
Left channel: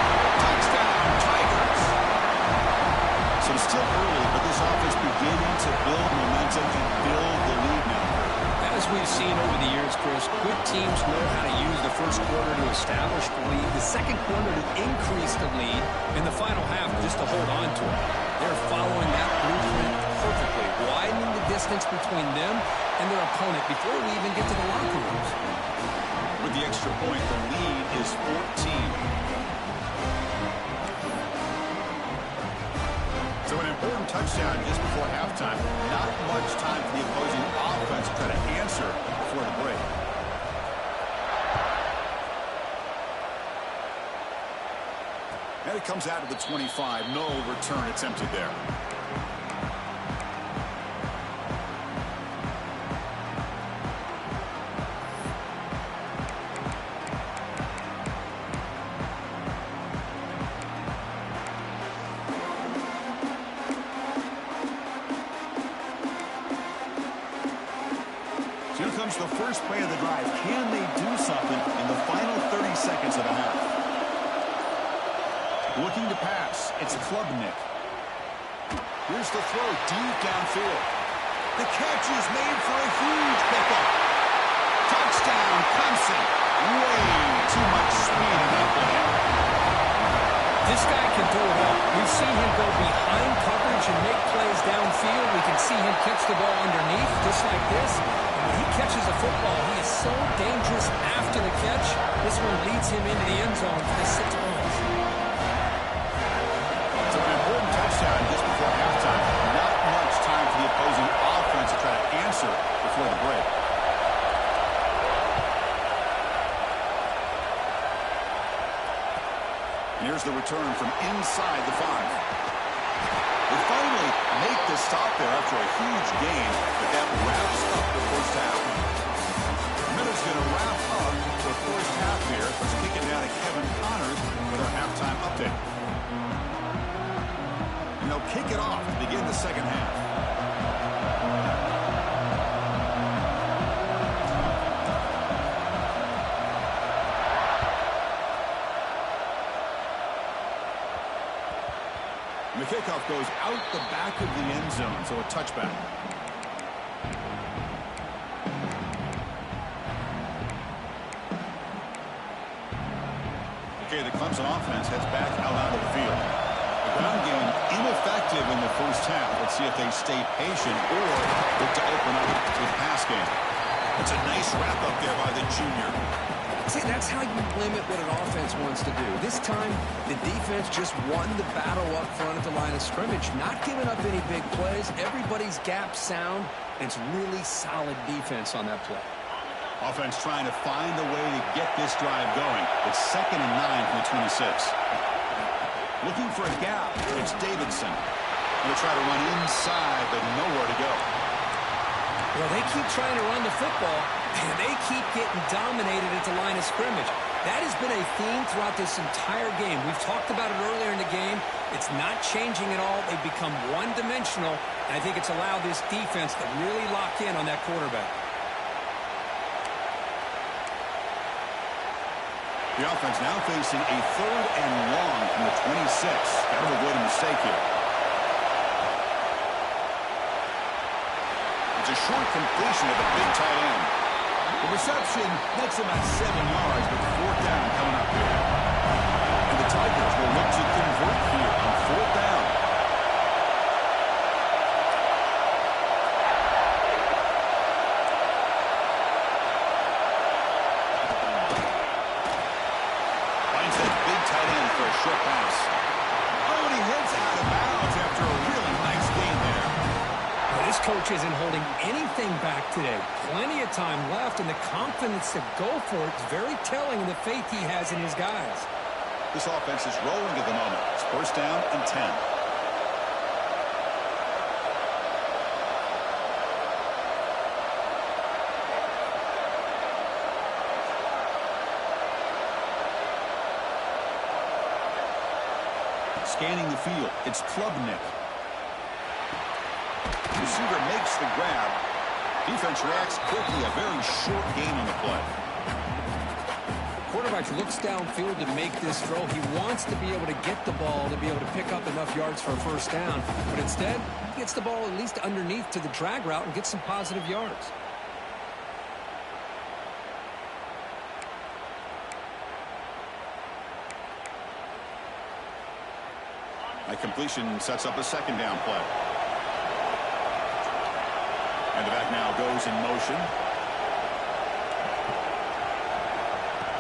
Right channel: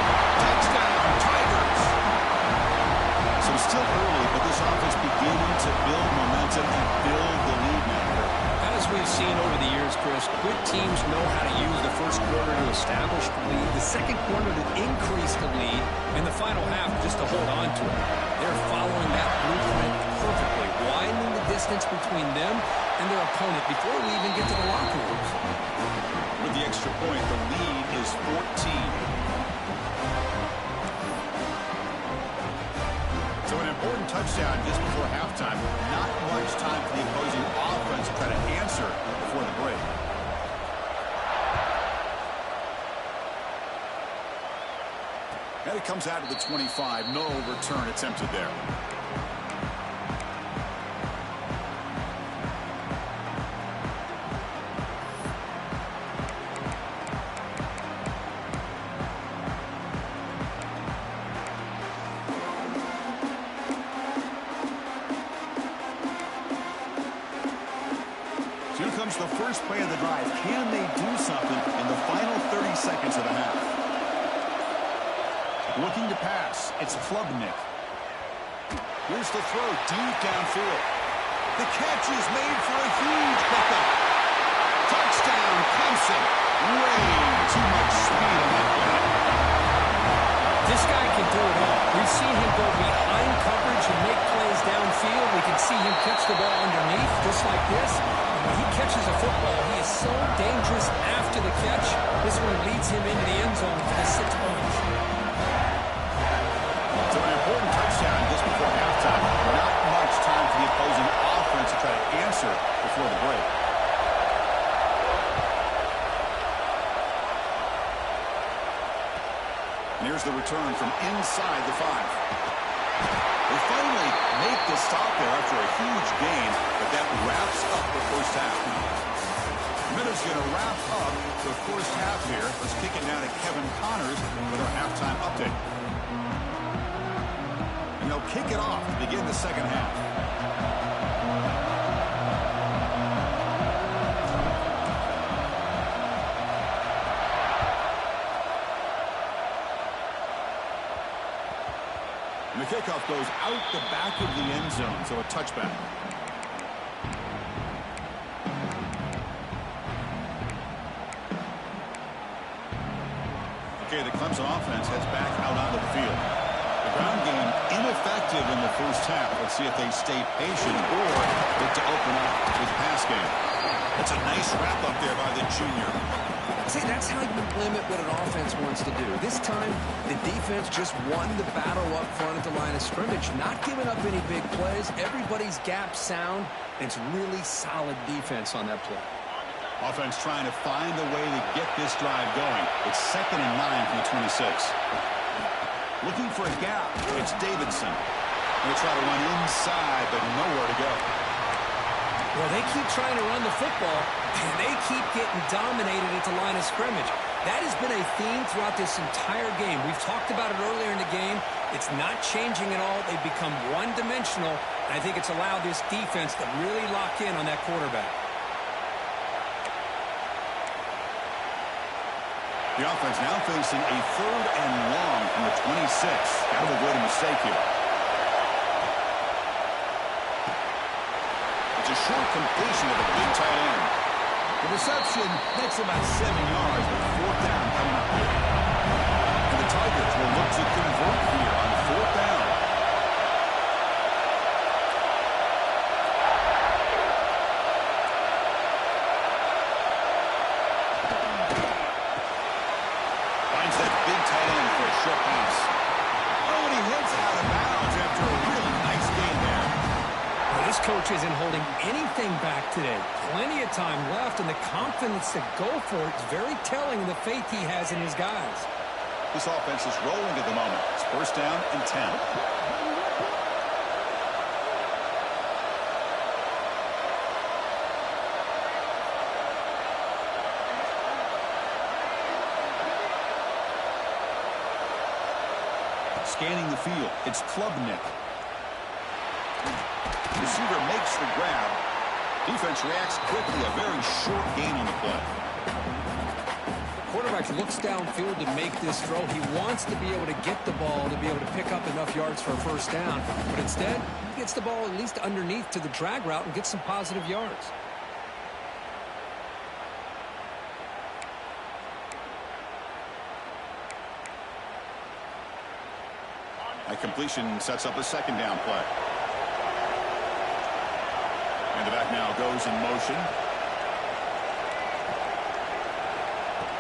Touchdown, Tigers. So it's still early, but this offense beginning to build momentum and build the lead now. As we've seen over the years, Chris, good teams know how to use the first quarter to establish the lead, the second quarter to increase the lead, and the final half just to hold on to it. They're following that blueprint perfectly, widening the distance between them and their opponent before we even get to the locker rooms. With the extra point, the lead is 14. So an important touchdown just before halftime. Not much time for the opposing offense to try to answer before the break. And it comes out of the 25. No return attempted there. comes the first play of the drive. Can they do something in the final 30 seconds of the half? Looking to pass. It's Klubnik. Here's the throw deep downfield. The catch is made for a huge pickup. Touchdown, Clemson. Way too much speed on that play. This guy can do it all. We've seen him go behind coverage and make plays downfield. We can see him catch the ball underneath, just like this. And when he catches a football, he is so dangerous after the catch. This one leads him into the end zone for the 6 points. So an important touchdown just before halftime. Not much time for the opposing offense to try to answer before the break. And here's the return from inside the 5. They finally make the stop there after a huge gain, but that wraps up the first half. Minutes going to wrap up the first half here. Let's kick it down to Kevin Connors with our halftime update. And they'll kick it off to begin the second half. And the kickoff goes out the back of the end zone, so a touchback. Okay, the Clemson offense heads back out onto the field. The ground game ineffective in the first half. Let's see if they stay patient or look to open up with pass game. That's a nice wrap up there by the junior. See, that's how you limit what an offense wants to do. This time, the defense just won the battle up front at the line of scrimmage, not giving up any big plays. Everybody's gap sound, and it's really solid defense on that play. Offense trying to find a way to get this drive going. It's 2nd and 9 from the 26. Looking for a gap. It's Davidson. Going to try to run inside, but nowhere to go. Well, they keep trying to run the football, and they keep getting dominated at the line of scrimmage. That has been a theme throughout this entire game. We've talked about it earlier in the game. It's not changing at all. They've become one-dimensional, and I think it's allowed this defense to really lock in on that quarterback. The offense now facing a 3rd and long from the 26. Got to avoid a mistake here. It's a short completion of the big tight end. The reception makes about 7 yards, but 4th down coming up here. And the Tigers will look to convert here on 4th down. Finds that big tight end for a short pass. Oh, and he heads out of bounds after a really nice gain there. Well, this coach isn't holding anything back today. Plenty of time left, and the confidence to go for it is very telling in the faith he has in his guys. This offense is rolling at the moment. It's 1st down and 10. Scanning the field, it's Klubnik. Receiver makes the grab. Defense reacts quickly. A very short gain on the play. Quarterback looks downfield to make this throw. He wants to be able to get the ball to be able to pick up enough yards for a 1st down. But instead, he gets the ball at least underneath to the drag route and gets some positive yards. A completion sets up a 2nd down play. And the back now goes in motion.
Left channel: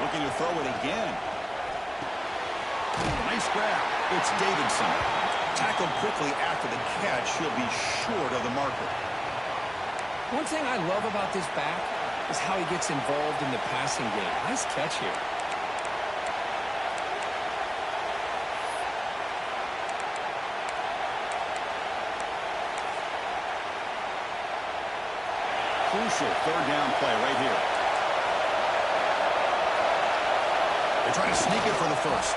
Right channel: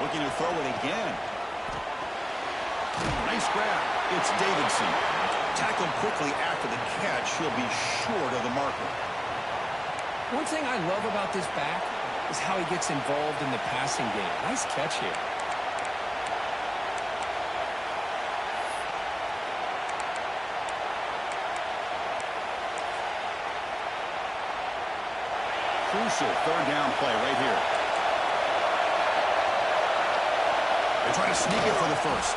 Looking to throw it again. Nice grab. It's Davidson. Tackled quickly after the catch. He'll be short of the marker. One thing I love about this back is how he gets involved in the passing game. Nice catch here. Crucial 3rd down play right here. They try to sneak it for the 1st.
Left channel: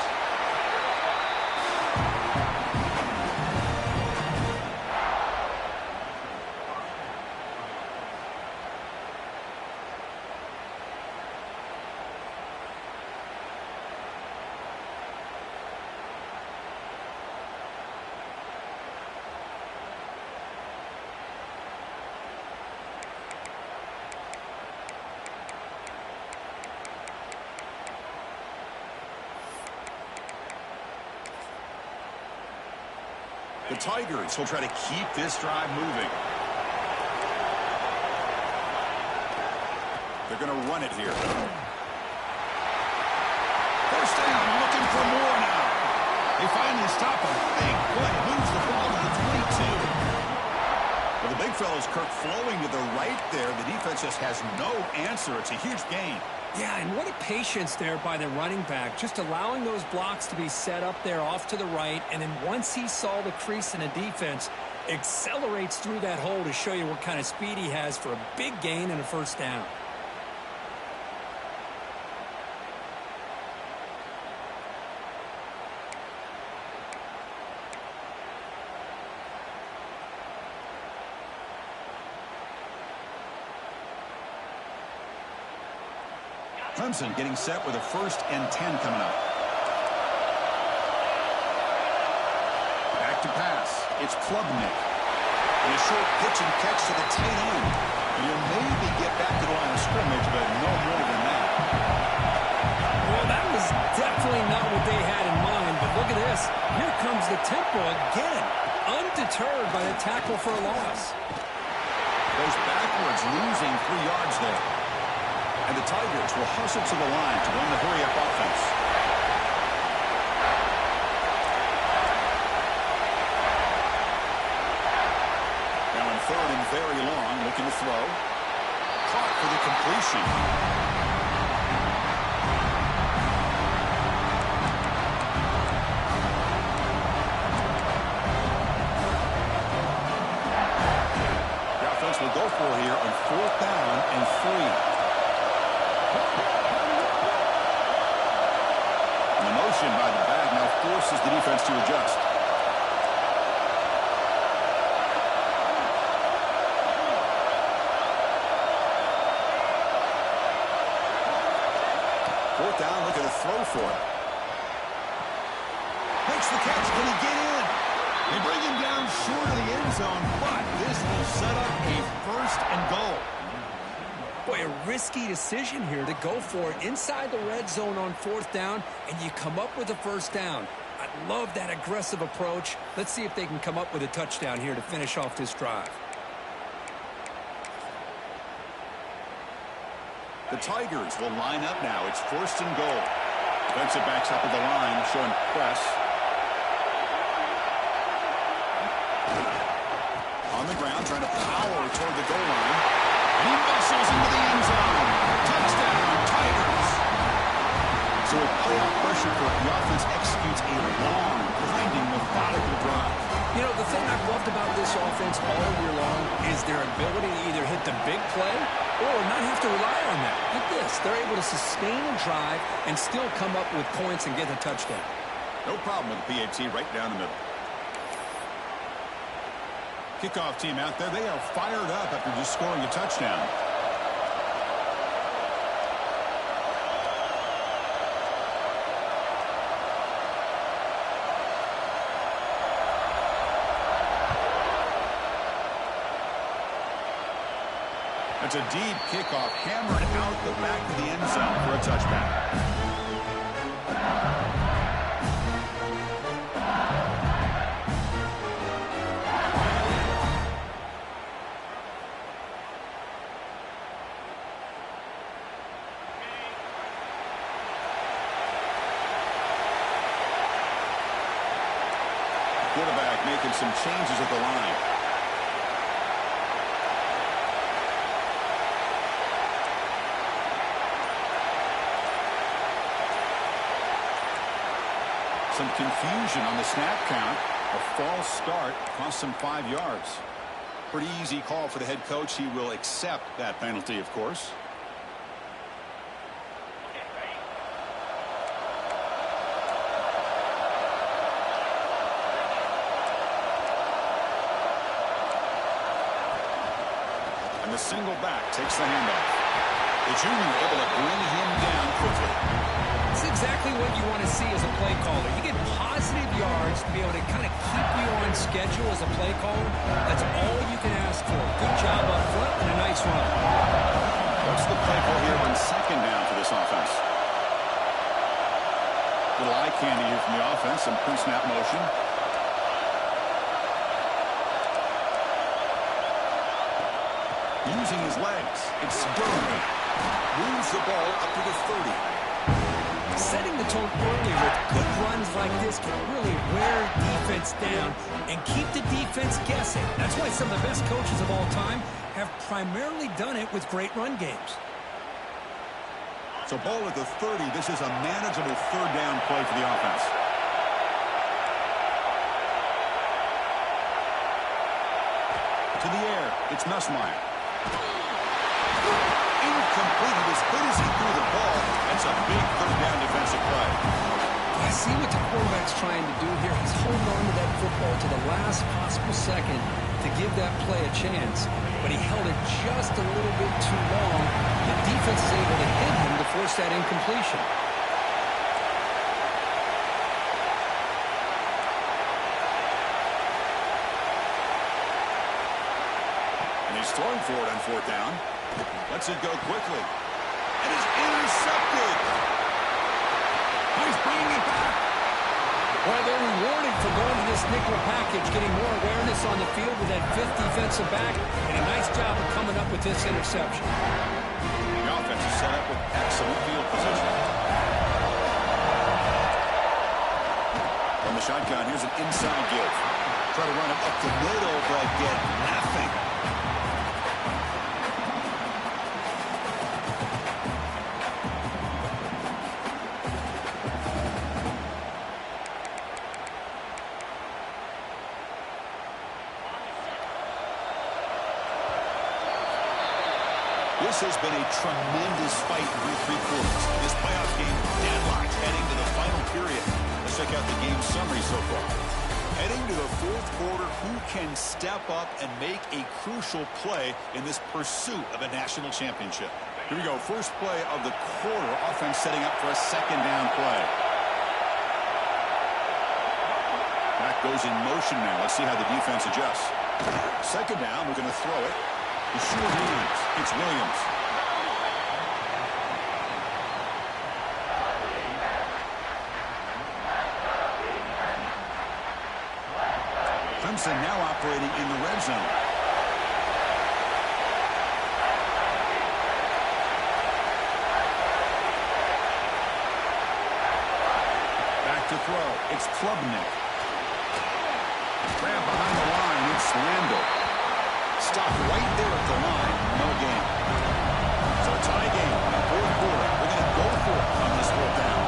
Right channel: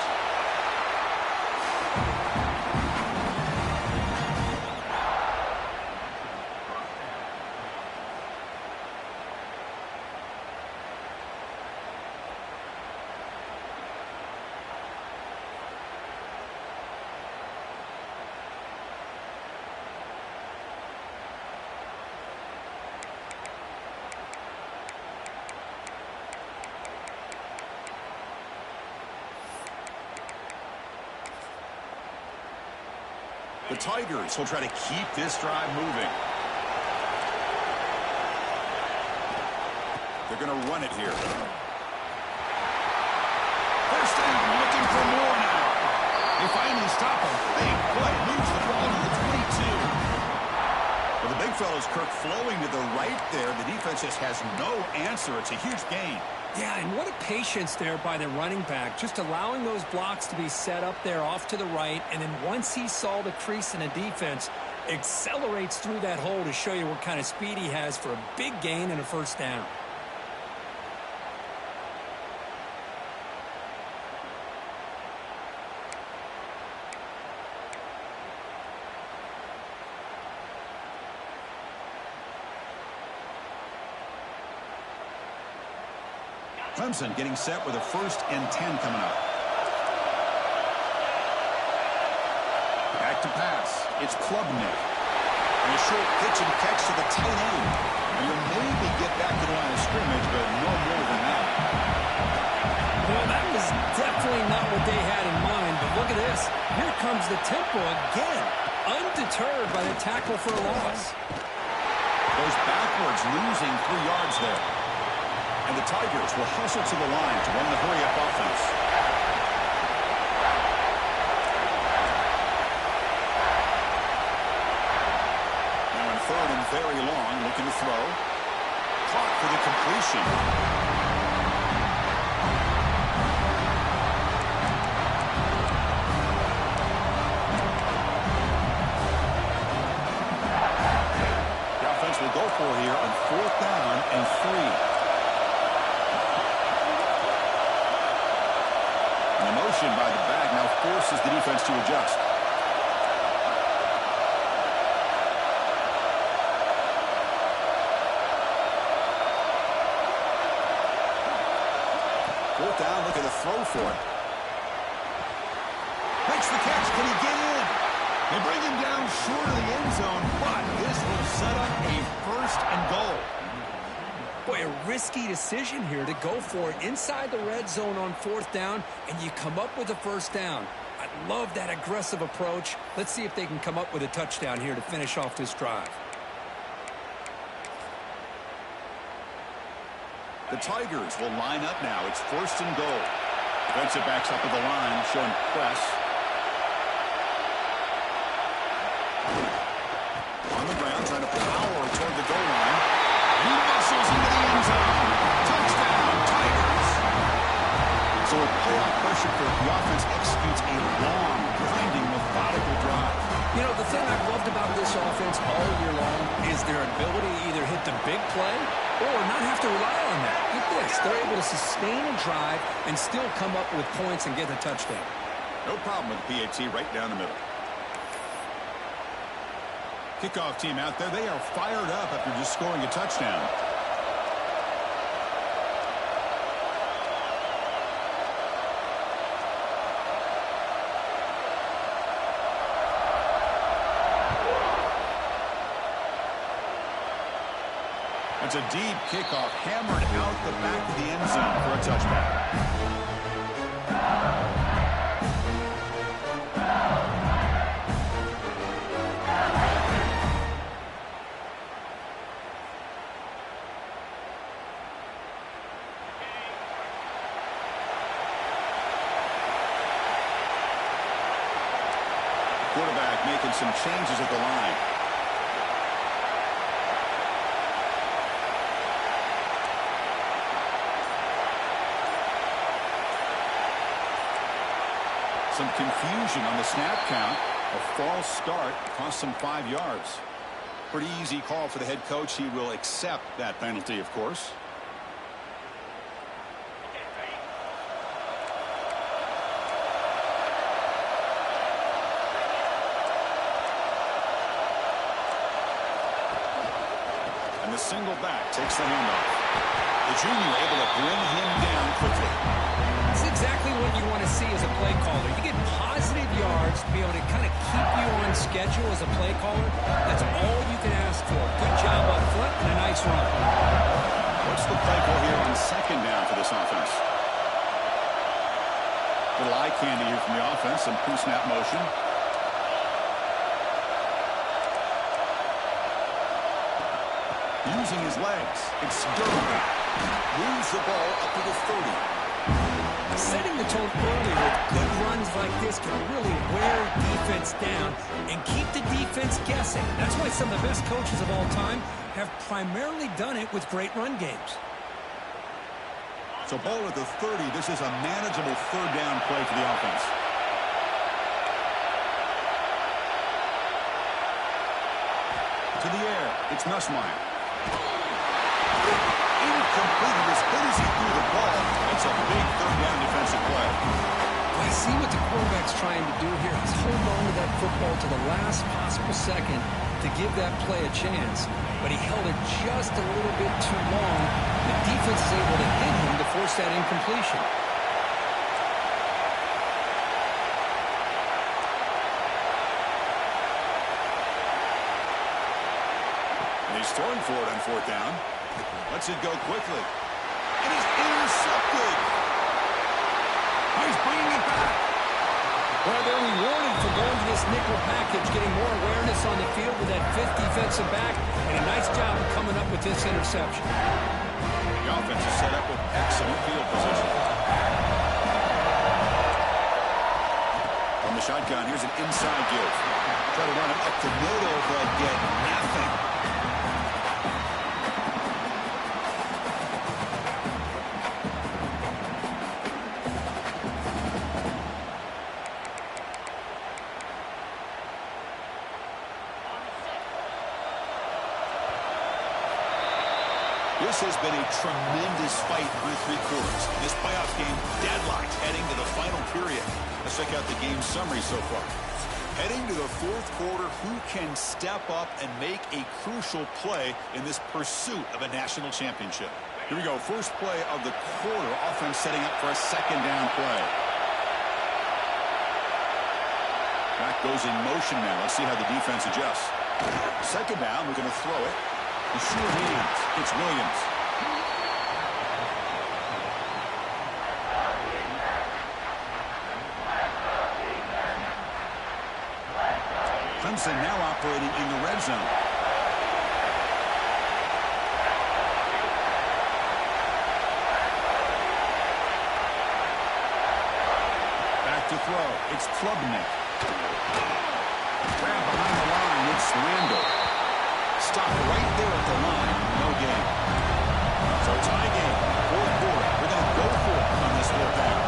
The Tigers will try to keep this drive moving. They're going to run it here. First down, looking for more now. They finally stop him. Big play, moves the ball to the 22. Well, the big fella's Kirk flowing to the right there. The defense just has no answer. It's a huge gain. Yeah, and what a patience there by the running back, just allowing those blocks to be set up there off to the right, and then once he saw the crease in the defense, accelerates through that hole to show you what kind of speed he has for a big gain and a first down. Clemson getting set with a 1st and 10 coming up. Back to pass. It's Klubnik. And a short pitch and catch to the tight end. And you'll maybe get back to the line of scrimmage, but no more than that. Well, that was definitely not what they had in mind, but look at this. Here comes the tempo again, undeterred by the tackle for a loss. Goes backwards, losing 3 yards there. And the Tigers will hustle to the line to run the hurry-up offense. Now in 3rd and very long, looking to throw. Caught for the completion. The offense will go for here on 4th down and 3. And the motion by the back now forces the defense to adjust. Fourth down, look at the throw for it. Makes the catch. Can he get in? They bring him down short of the end zone, but this will set up a 1st and goal. Boy, a risky decision here to go for it inside the red zone on 4th down, and you come up with a 1st down. I love that aggressive approach. Let's see if they can come up with a touchdown here to finish off this drive. The Tigers will line up now. It's 1st and goal. Defensive backs up at the line, showing press. On the ground, trying to power toward the goal line. And he bustles into the end zone. Touchdown, Tigers. So with playoff pressure, the offense executes a long, grinding, methodical drive. You know, the thing I've loved about this offense all year long is their ability to either hit the big play or not have to rely on that. Like this, they're able to sustain a drive and still come up with points and get a touchdown. No problem with the PAT right down the middle. Kickoff team out there, they are fired up after just scoring a touchdown. That's a deep kickoff, hammered out the back of the end zone for a touchback. Quarterback making some changes at the line. Some confusion on the snap count. A false start cost him 5 yards. Pretty easy call for the head coach. He will accept that penalty, of course. And the single back takes the handoff. The junior able to bring him down quickly. It's exactly what you want to see as a play caller. You get positive yards to be able to kind of keep you on schedule as a play caller. That's all you can ask for. Good job up front and a nice run. What's the play call here on 2nd down for this offense? Little eye candy here from the offense. Some pre-snap motion. Using his legs, it's Durham. Moves the ball up to the 30. Setting the tone early with good runs like this can really wear defense down and keep the defense guessing. That's why some of the best coaches of all time have primarily done it with great run games. So ball at the 30. This is a manageable third down play for the offense. To the air, it's Nussmeier. Incomplete. As good as he threw the ball, that's a big third down defensive play. I see what the quarterback's trying to do here. He's holding on to that football to the last possible second to give that play a chance. But he held it just a little bit too long. The defense is able to hit him to force that incompletion. And he's throwing for it on fourth down. Lets it go quickly. It is intercepted. He's bringing it back. Well, they're rewarded for going to this nickel package, getting more awareness on the field with that fifth defensive back, and a nice job of coming up with this interception. The offense is set up with excellent field position. From the shotgun, here's an inside give. Try to run it up the middle, but get nothing. This has been a tremendous fight through three quarters. This playoff game deadlocked heading to the final period. Let's check out the game summary so far. Heading to the fourth quarter, who can step up and make a crucial play in this pursuit of a national championship? Here we go. First play of the quarter. Offense setting up for a second down play. Back goes in motion now. Let's see how the defense adjusts. Second down. We're going to throw it. The short hands. It's Williams. Clemson now operating in the red zone. Back to throw. It's Klubnik. Grab behind the line. It's Landell. Stopped right there at the line. No gain. So tie game. Fourth quarter. We're going to go for it on this fourth down.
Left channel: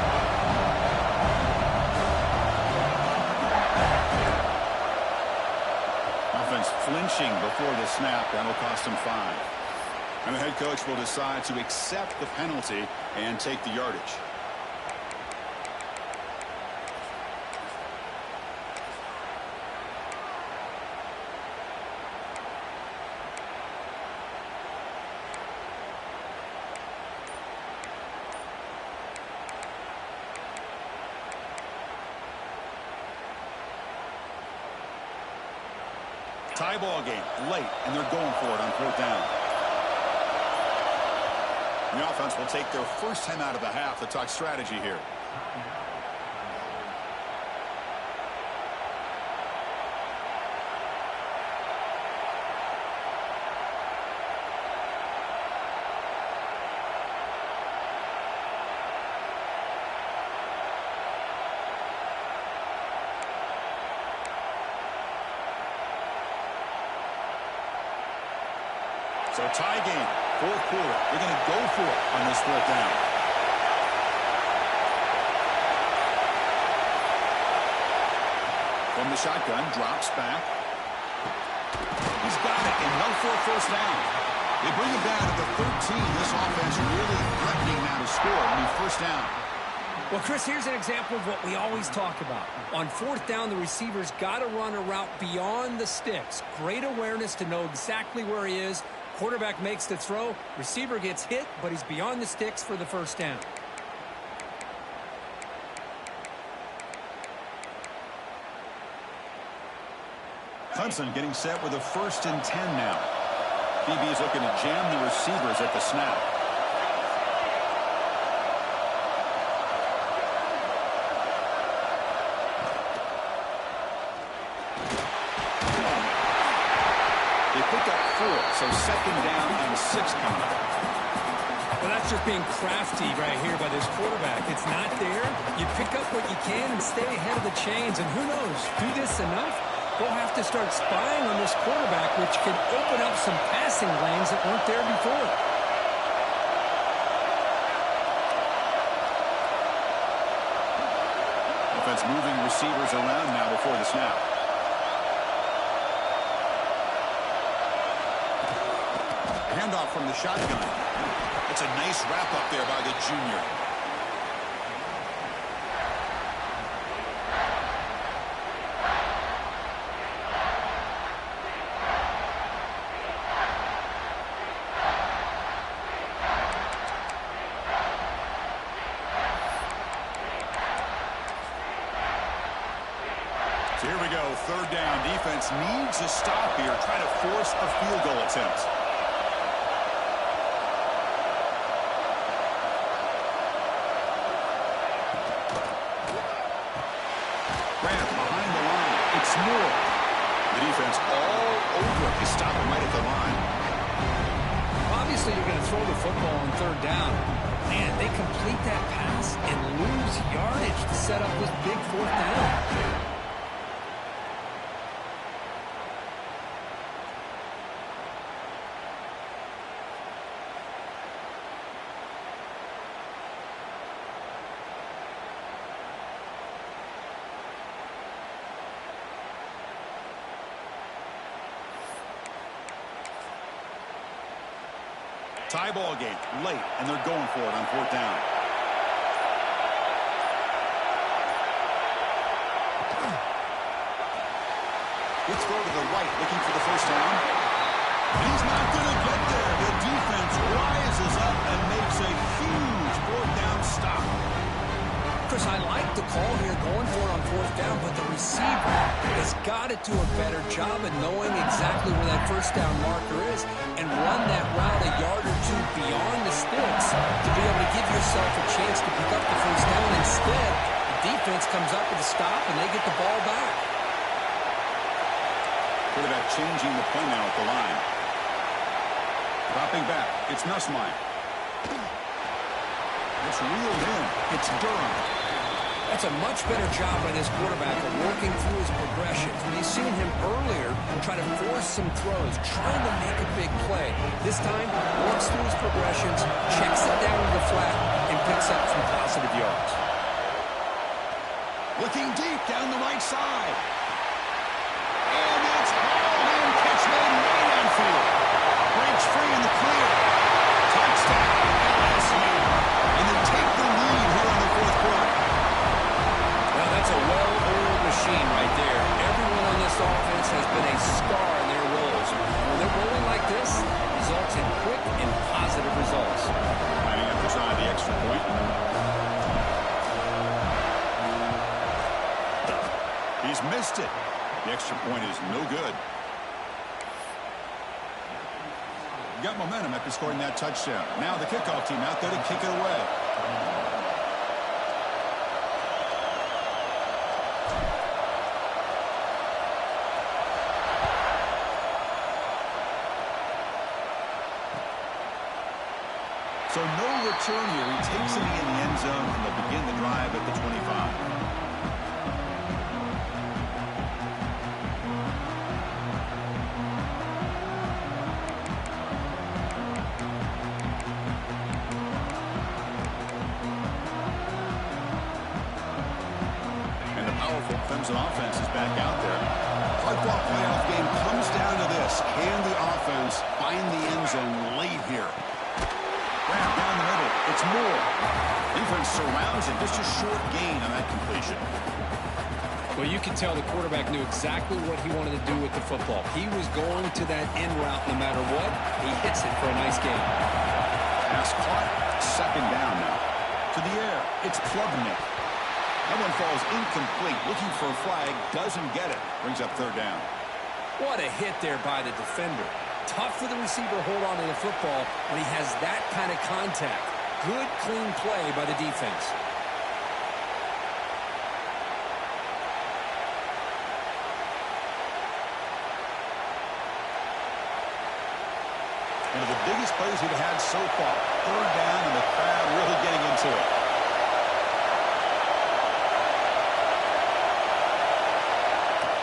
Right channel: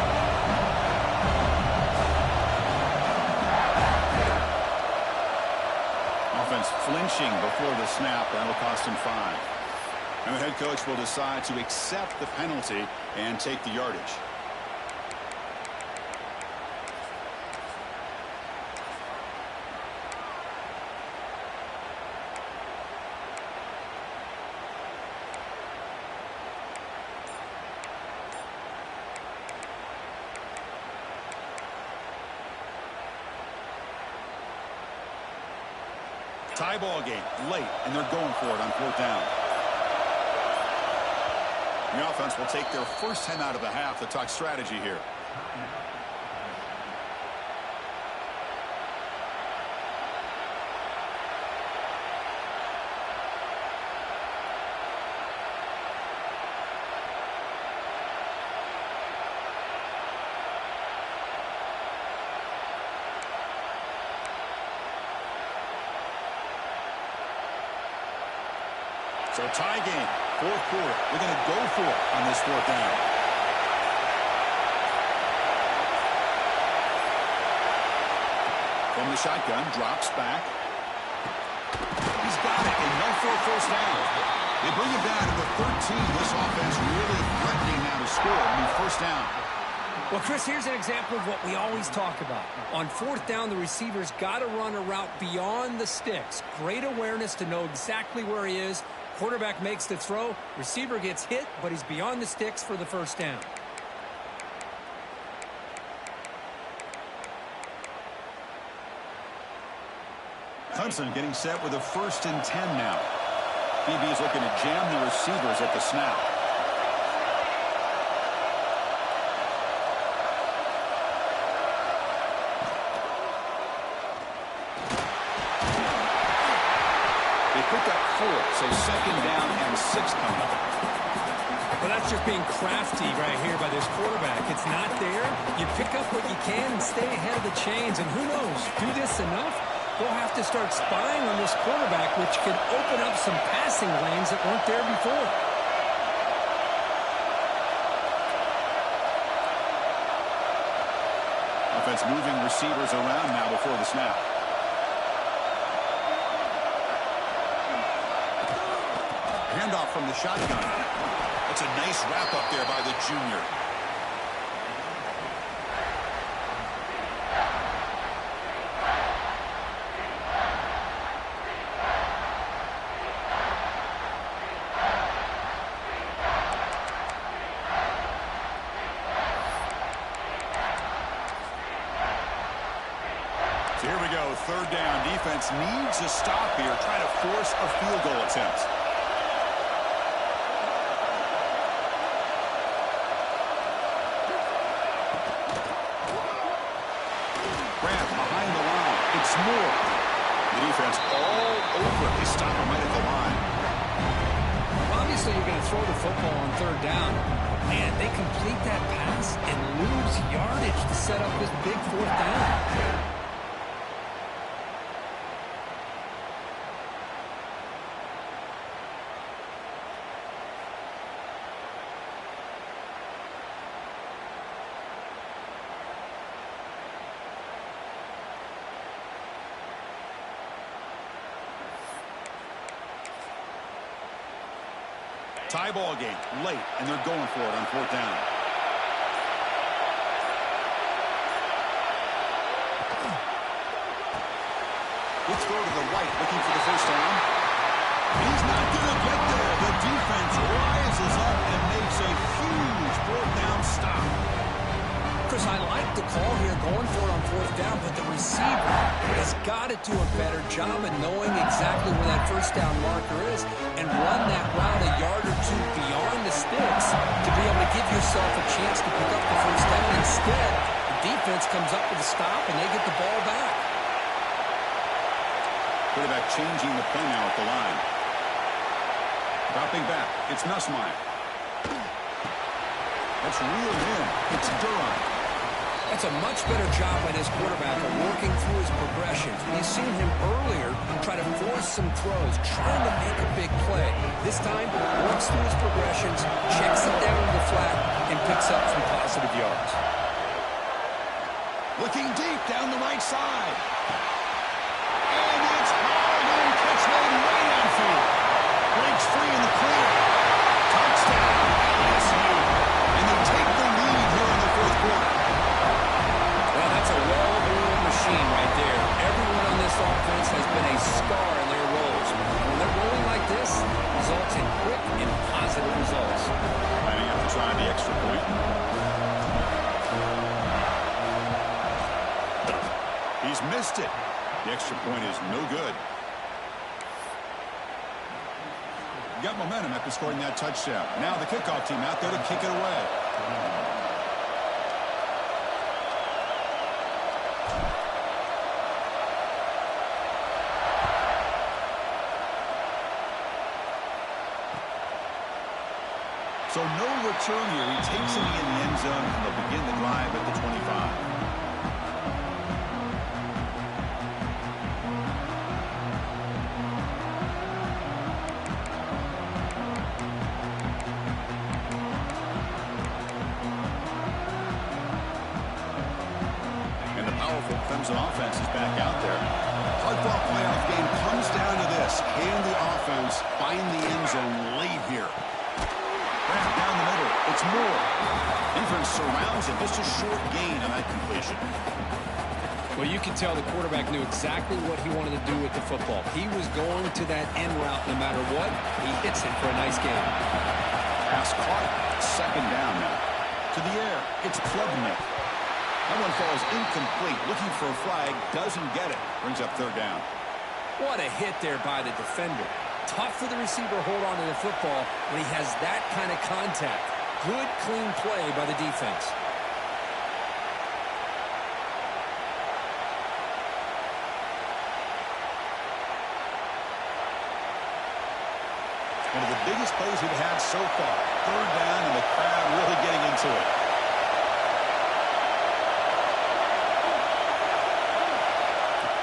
Offense flinching before the snap. That'll cost him 5. And the head coach will decide to accept the penalty and take the yardage. Tie ball game late, and they're going for it on fourth down. The offense will take their first 10 out of the half to talk strategy here. So tie game, fourth quarter. They're going to go for it on this fourth down. From the shotgun, drops back. He's got it, enough for a first down. They bring it down to the 13. This offense really threatening now to score. I mean, first down. Well, Chris, here's an example of what we always talk about. On fourth down, the receiver's got to run a route beyond the sticks. Great awareness to know exactly where he is. Quarterback makes the throw. Receiver gets hit, but he's beyond the sticks for the first down. Clemson getting set with a 1st and 10 now. DB is looking to jam the receivers at the snap. They picked up 4, so second down and 6 coming up. Well, that's just being crafty right here by this quarterback. It's not there. You pick up what you can and stay ahead of the chains. And who knows, do this enough, they'll have to start spying on this quarterback, which can open up some passing lanes that weren't there before. Offense moving receivers around now before the snap. Handoff from the shotgun. That's a nice wrap up there by the junior. So here we go, third down. Defense needs a stop here, trying to force a field goal attempt. Grant behind the line. It's Moore. The defense all over it. They stop him right at the line. Well, obviously, you're going to throw the football on third down. Man, they complete that pass and lose yardage to set up this big fourth down. Tie ball game late, and they're going for it on fourth down. Let's throw to the right, looking for the first down. He's not going to get there. The defense rises up and makes a huge fourth down stop. Chris, I like the call here going for it on fourth down, but the receiver has got to do a better job of knowing exactly where that first down marker is and run that route a yard or two beyond the sticks to be able to give yourself a chance to pick up the first down. Instead, the defense comes up with a stop and they get the ball back. Quarterback changing the play now at the line. Dropping back. It's Nussmeier. That's reeled in. It's Durham. That's a much better job by this quarterback of working through his progressions. We've seen him earlier try to force some throws, trying to make a big play. This time, works through his progressions, checks it down to the flat, and picks up some positive yards. Looking deep down the right side. And it's hauled in. Catch made way downfield. Breaks free in the clear. Touchdown, LSU. And they take the lead here in the fourth quarter. Well, that's a well-oiled machine right there. Everyone on this offense has been a star in their roles. And when they're rolling like this, it results in quick and positive results. Lining up to try the extra point. He's missed it. The extra point is no good. Got momentum after scoring that touchdown. Now the kickoff team out there to kick it away. So no return here. He takes it in the end zone, and they'll begin the drive at the 25. Clemson offense is back out there. Hard-fought playoff game comes down to this. Can the offense find the end zone late here? Grab down the middle. It's Moore. Defense surrounds him. Just a short gain on that completion. Well, you can tell the quarterback knew exactly what he wanted to do with the football. He was going to that end route no matter what. He hits it for a nice gain. Pass caught. Second down now. To the air. It's Klubnik. That one falls incomplete. Looking for a flag. Doesn't get it. Brings up third down. What a hit there by the defender. Tough for the receiver to hold on to the football when he has that kind of contact. Good, clean play by the defense. One of the biggest plays we've had so far. Third down, and the crowd really getting into it.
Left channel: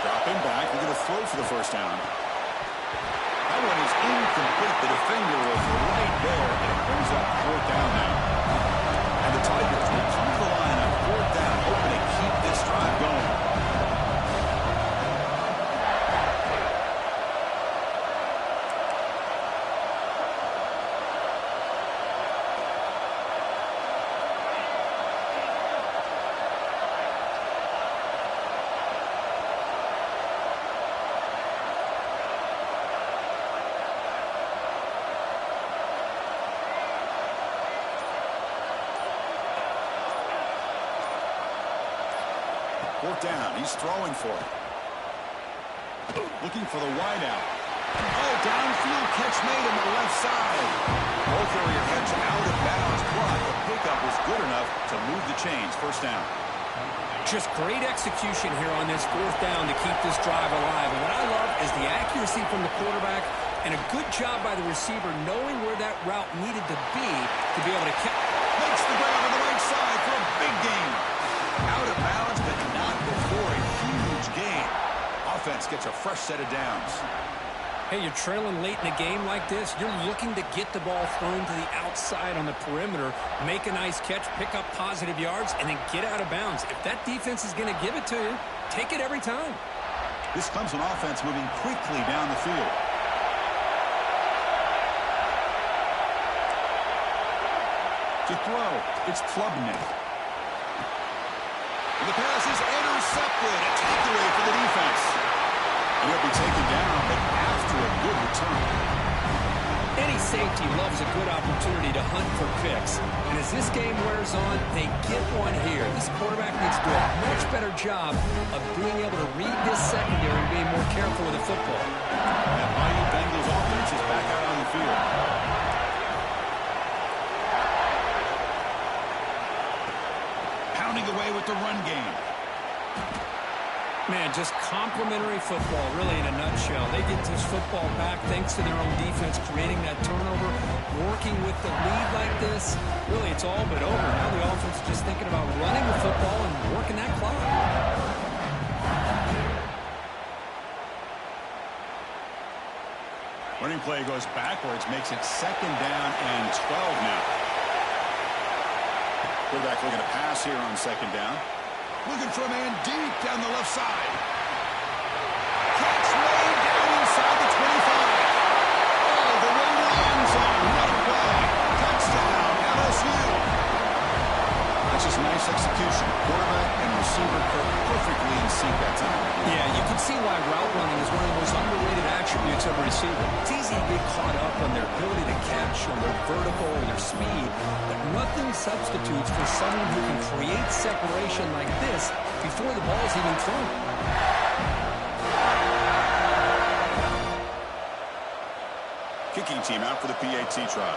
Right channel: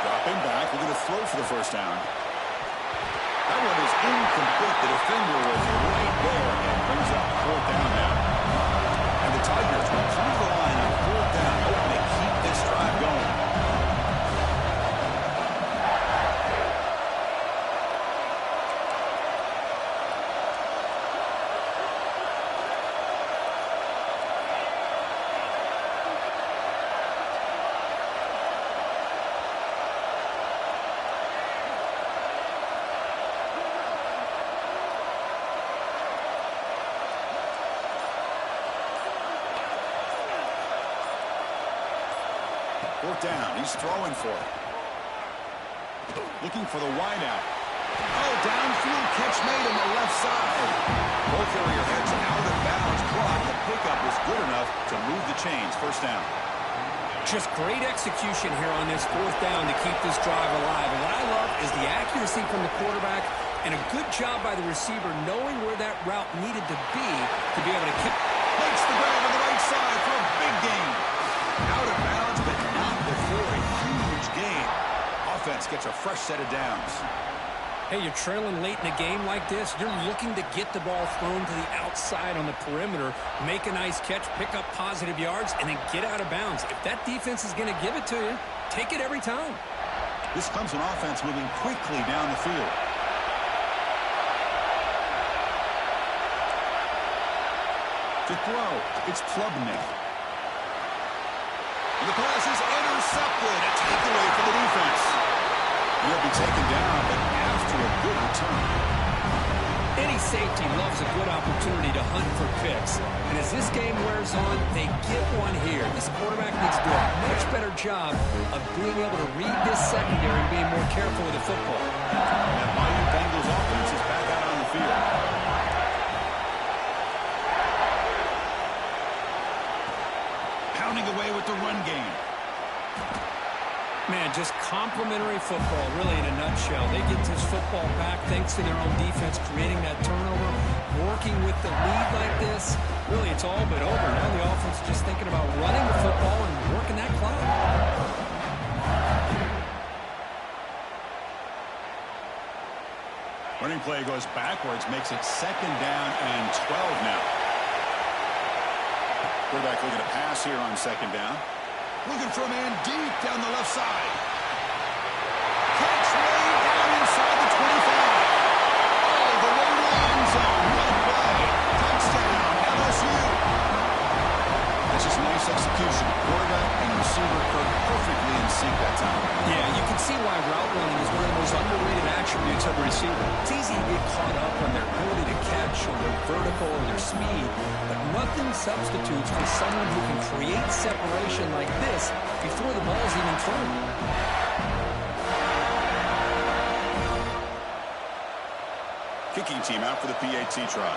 Dropping back, we're going to throw for the first down. That one is incomplete. The defender was right there and brings up fourth down now. And the Tigers will come to the line on fourth down, hoping to keep this drive going. Fourth down. He's throwing for it. Looking for the wideout. Oh, downfield catch made on the left side. Both area heads out of bounds, but the pickup was good enough to move the chains. First down. Just great execution here on this fourth down to keep this drive alive. And what I love is the accuracy from the quarterback and a good job by the receiver knowing where that route needed to be able to catch. Makes the grab on the right side for a big gain. Out of bounds, but not before a huge gain. Offense gets a fresh set of downs. Hey, you're trailing late in a game like this. You're looking to get the ball thrown to the outside on the perimeter, make a nice catch, pick up positive yards, and then get out of bounds. If that defense is going to give it to you, take it every time. This Clemson offense moving quickly down the field. To throw, it's Klubnik. And the pass is intercepted. A takeaway for the defense. And he'll be taken down, but after a good return. Any safety loves a good opportunity to hunt for picks. And as this game wears on, they get one here. This quarterback needs to do a much better job of being able to read this secondary and being more careful with the football. And that Bayou Bengals offense is back out on the field. Pounding away with the run game. Man, just complimentary football, really, in a nutshell. They get this football back thanks to their own defense, creating that turnover, working with the lead like this. Really, it's all but over. Now the offense is just thinking about running the football and working that clock. Running play goes backwards, makes it second down and 12 now. Quarterback looking to pass here on second down. Looking for a man deep down the left side. Catch made down inside the 25. All the way to the end zone. What a play. Touchdown, LSU. That's just nice execution. Quarterback and receiver perfectly in sync that time. Yeah, you can see why route running is one of the most underrated attributes of a receiver. It's easy to get caught up on their ability to catch or their vertical or their speed, but nothing substitutes for someone who can create separation like this before the ball's even thrown. Kicking team out for the PAT try.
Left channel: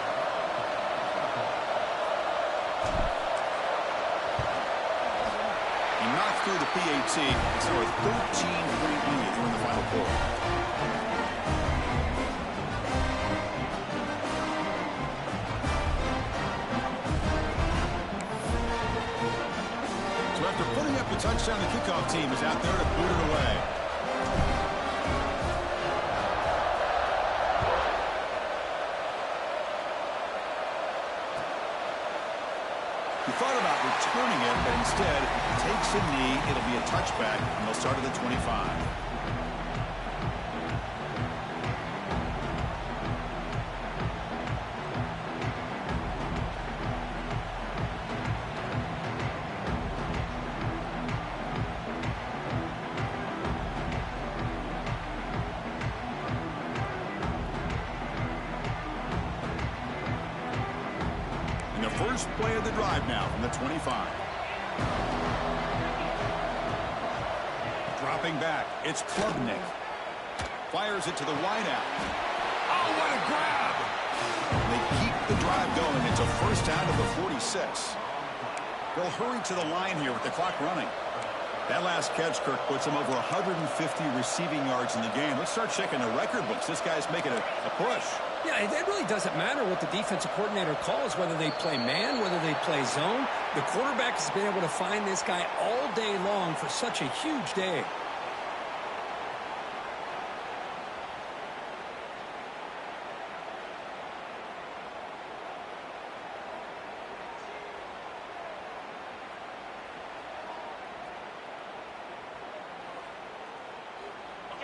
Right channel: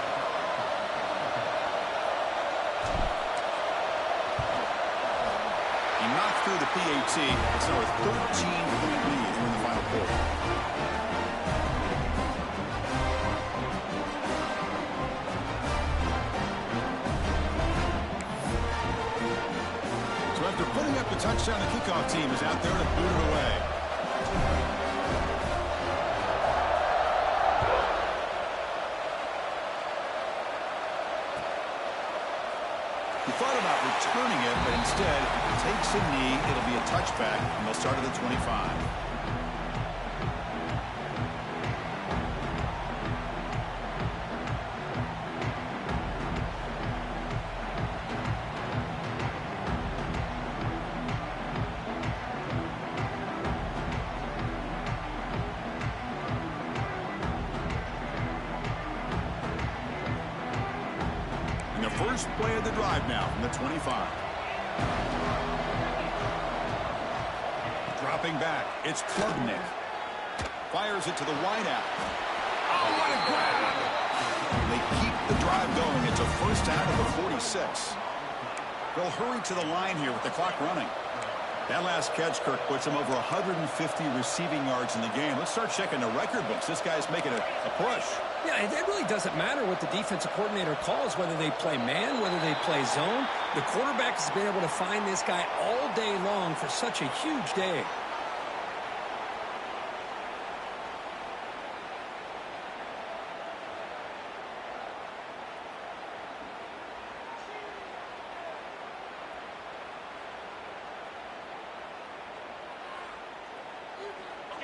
He knocked through the PAT. It's now a 13-point lead here in the final quarter. So after putting up the touchdown, the kickoff team is out there to boot it away. He thought about returning it, but instead takes a knee. It'll be a touchback, and they'll start at the 25. First play of the drive now from the 25. Dropping back, it's Klubnik. Fires it to the wideout. Oh, what a grab! They keep the drive going. It's a first down of the 46. They'll hurry to the line here with the clock running. That last catch, Kirk, puts him over 150 receiving yards in the game. Let's start checking the record books. This guy's making a push. Yeah, it really doesn't matter what the defensive coordinator calls, whether they play man, whether they play zone. The quarterback has been able to find this guy all day long for such a huge day.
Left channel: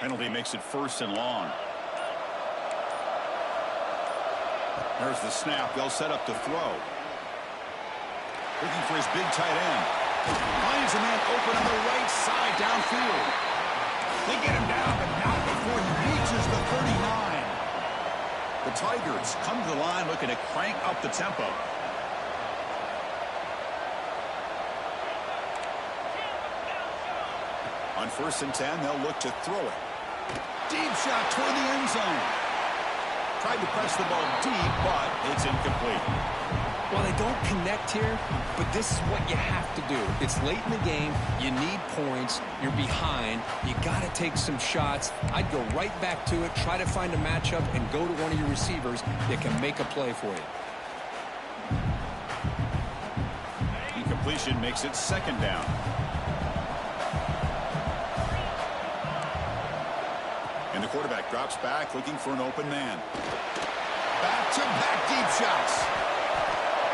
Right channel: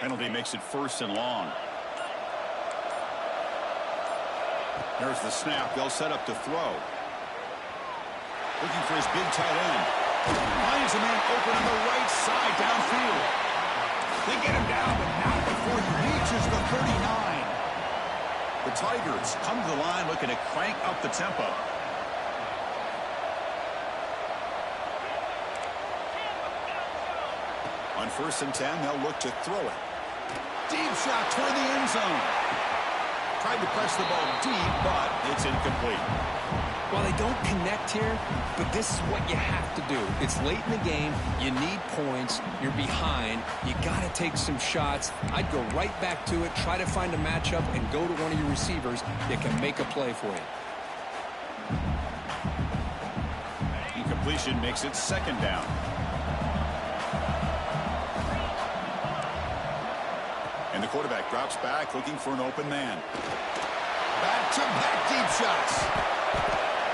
Penalty makes it 1st and long. There's the snap. They'll set up to throw. Looking for his big tight end. Finds a man open on the right side downfield. They get him down, but not before he reaches the 39. The Tigers come to the line looking to crank up the tempo. On 1st and 10, they'll look to throw it. Deep shot toward the end zone. Tried to press the ball deep, but it's incomplete. Well, they don't connect here, but this is what you have to do. It's late in the game. You need points. You're behind. You got to take some shots. I'd go right back to it, try to find a matchup, and go to one of your receivers that can make a play for you. Incompletion makes it 2nd down. And the quarterback drops back, looking for an open man. Back-to-back deep shots.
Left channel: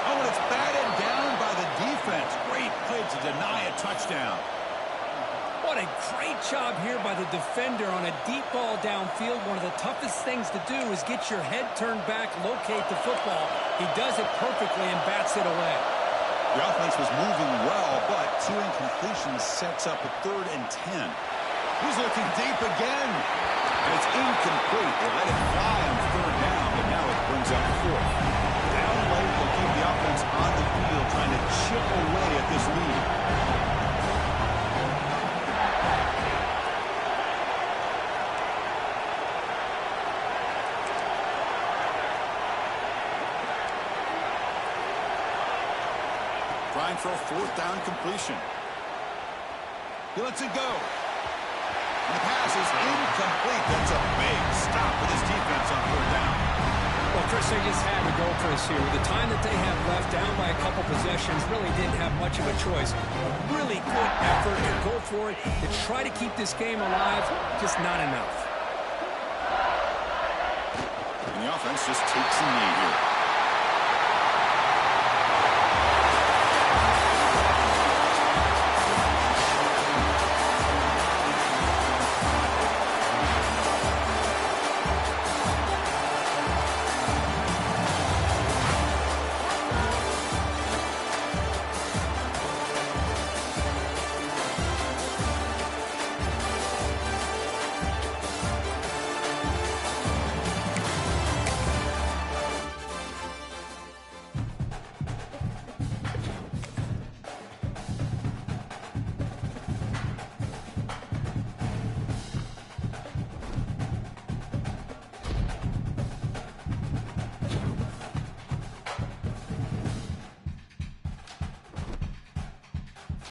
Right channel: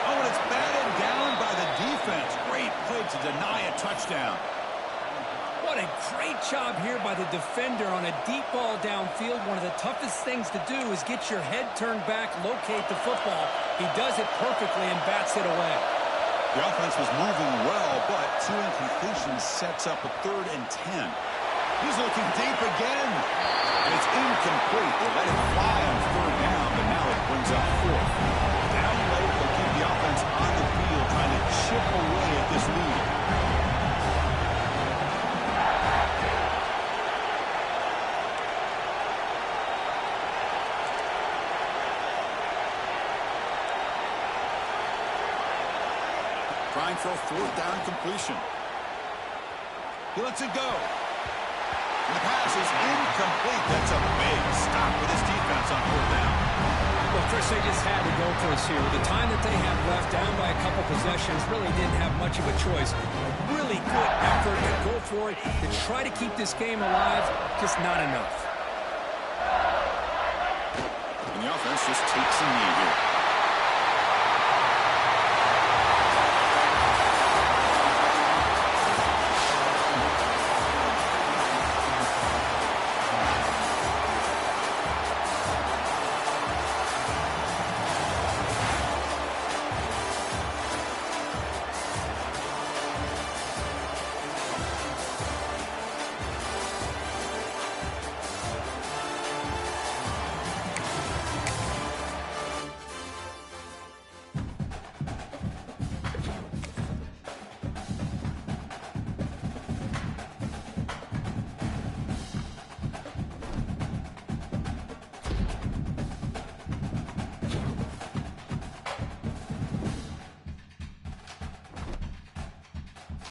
Oh, and it's batted down by the defense. Great play to deny a touchdown. What a great job here by the defender on a deep ball downfield. One of the toughest things to do is get your head turned back, locate the football. He does it perfectly and bats it away. The offense was moving well, but 2 incompletions sets up a 3rd and 10. He's looking deep again. And it's incomplete. They let it fly on 3rd down, but now it brings up 4th. Down late, they'll keep the offense on the field, trying to chip away at this lead. Trying for a 4th down completion. He lets it go. And the pass is incomplete. That's a big stop with his defense on 4th down. Well, Chris, they just had to go for this here. With the time that they have left, down by a couple possessions, really didn't have much of a choice. A really good effort to go for it, to try to keep this game alive, just not enough. And the offense just takes a knee here.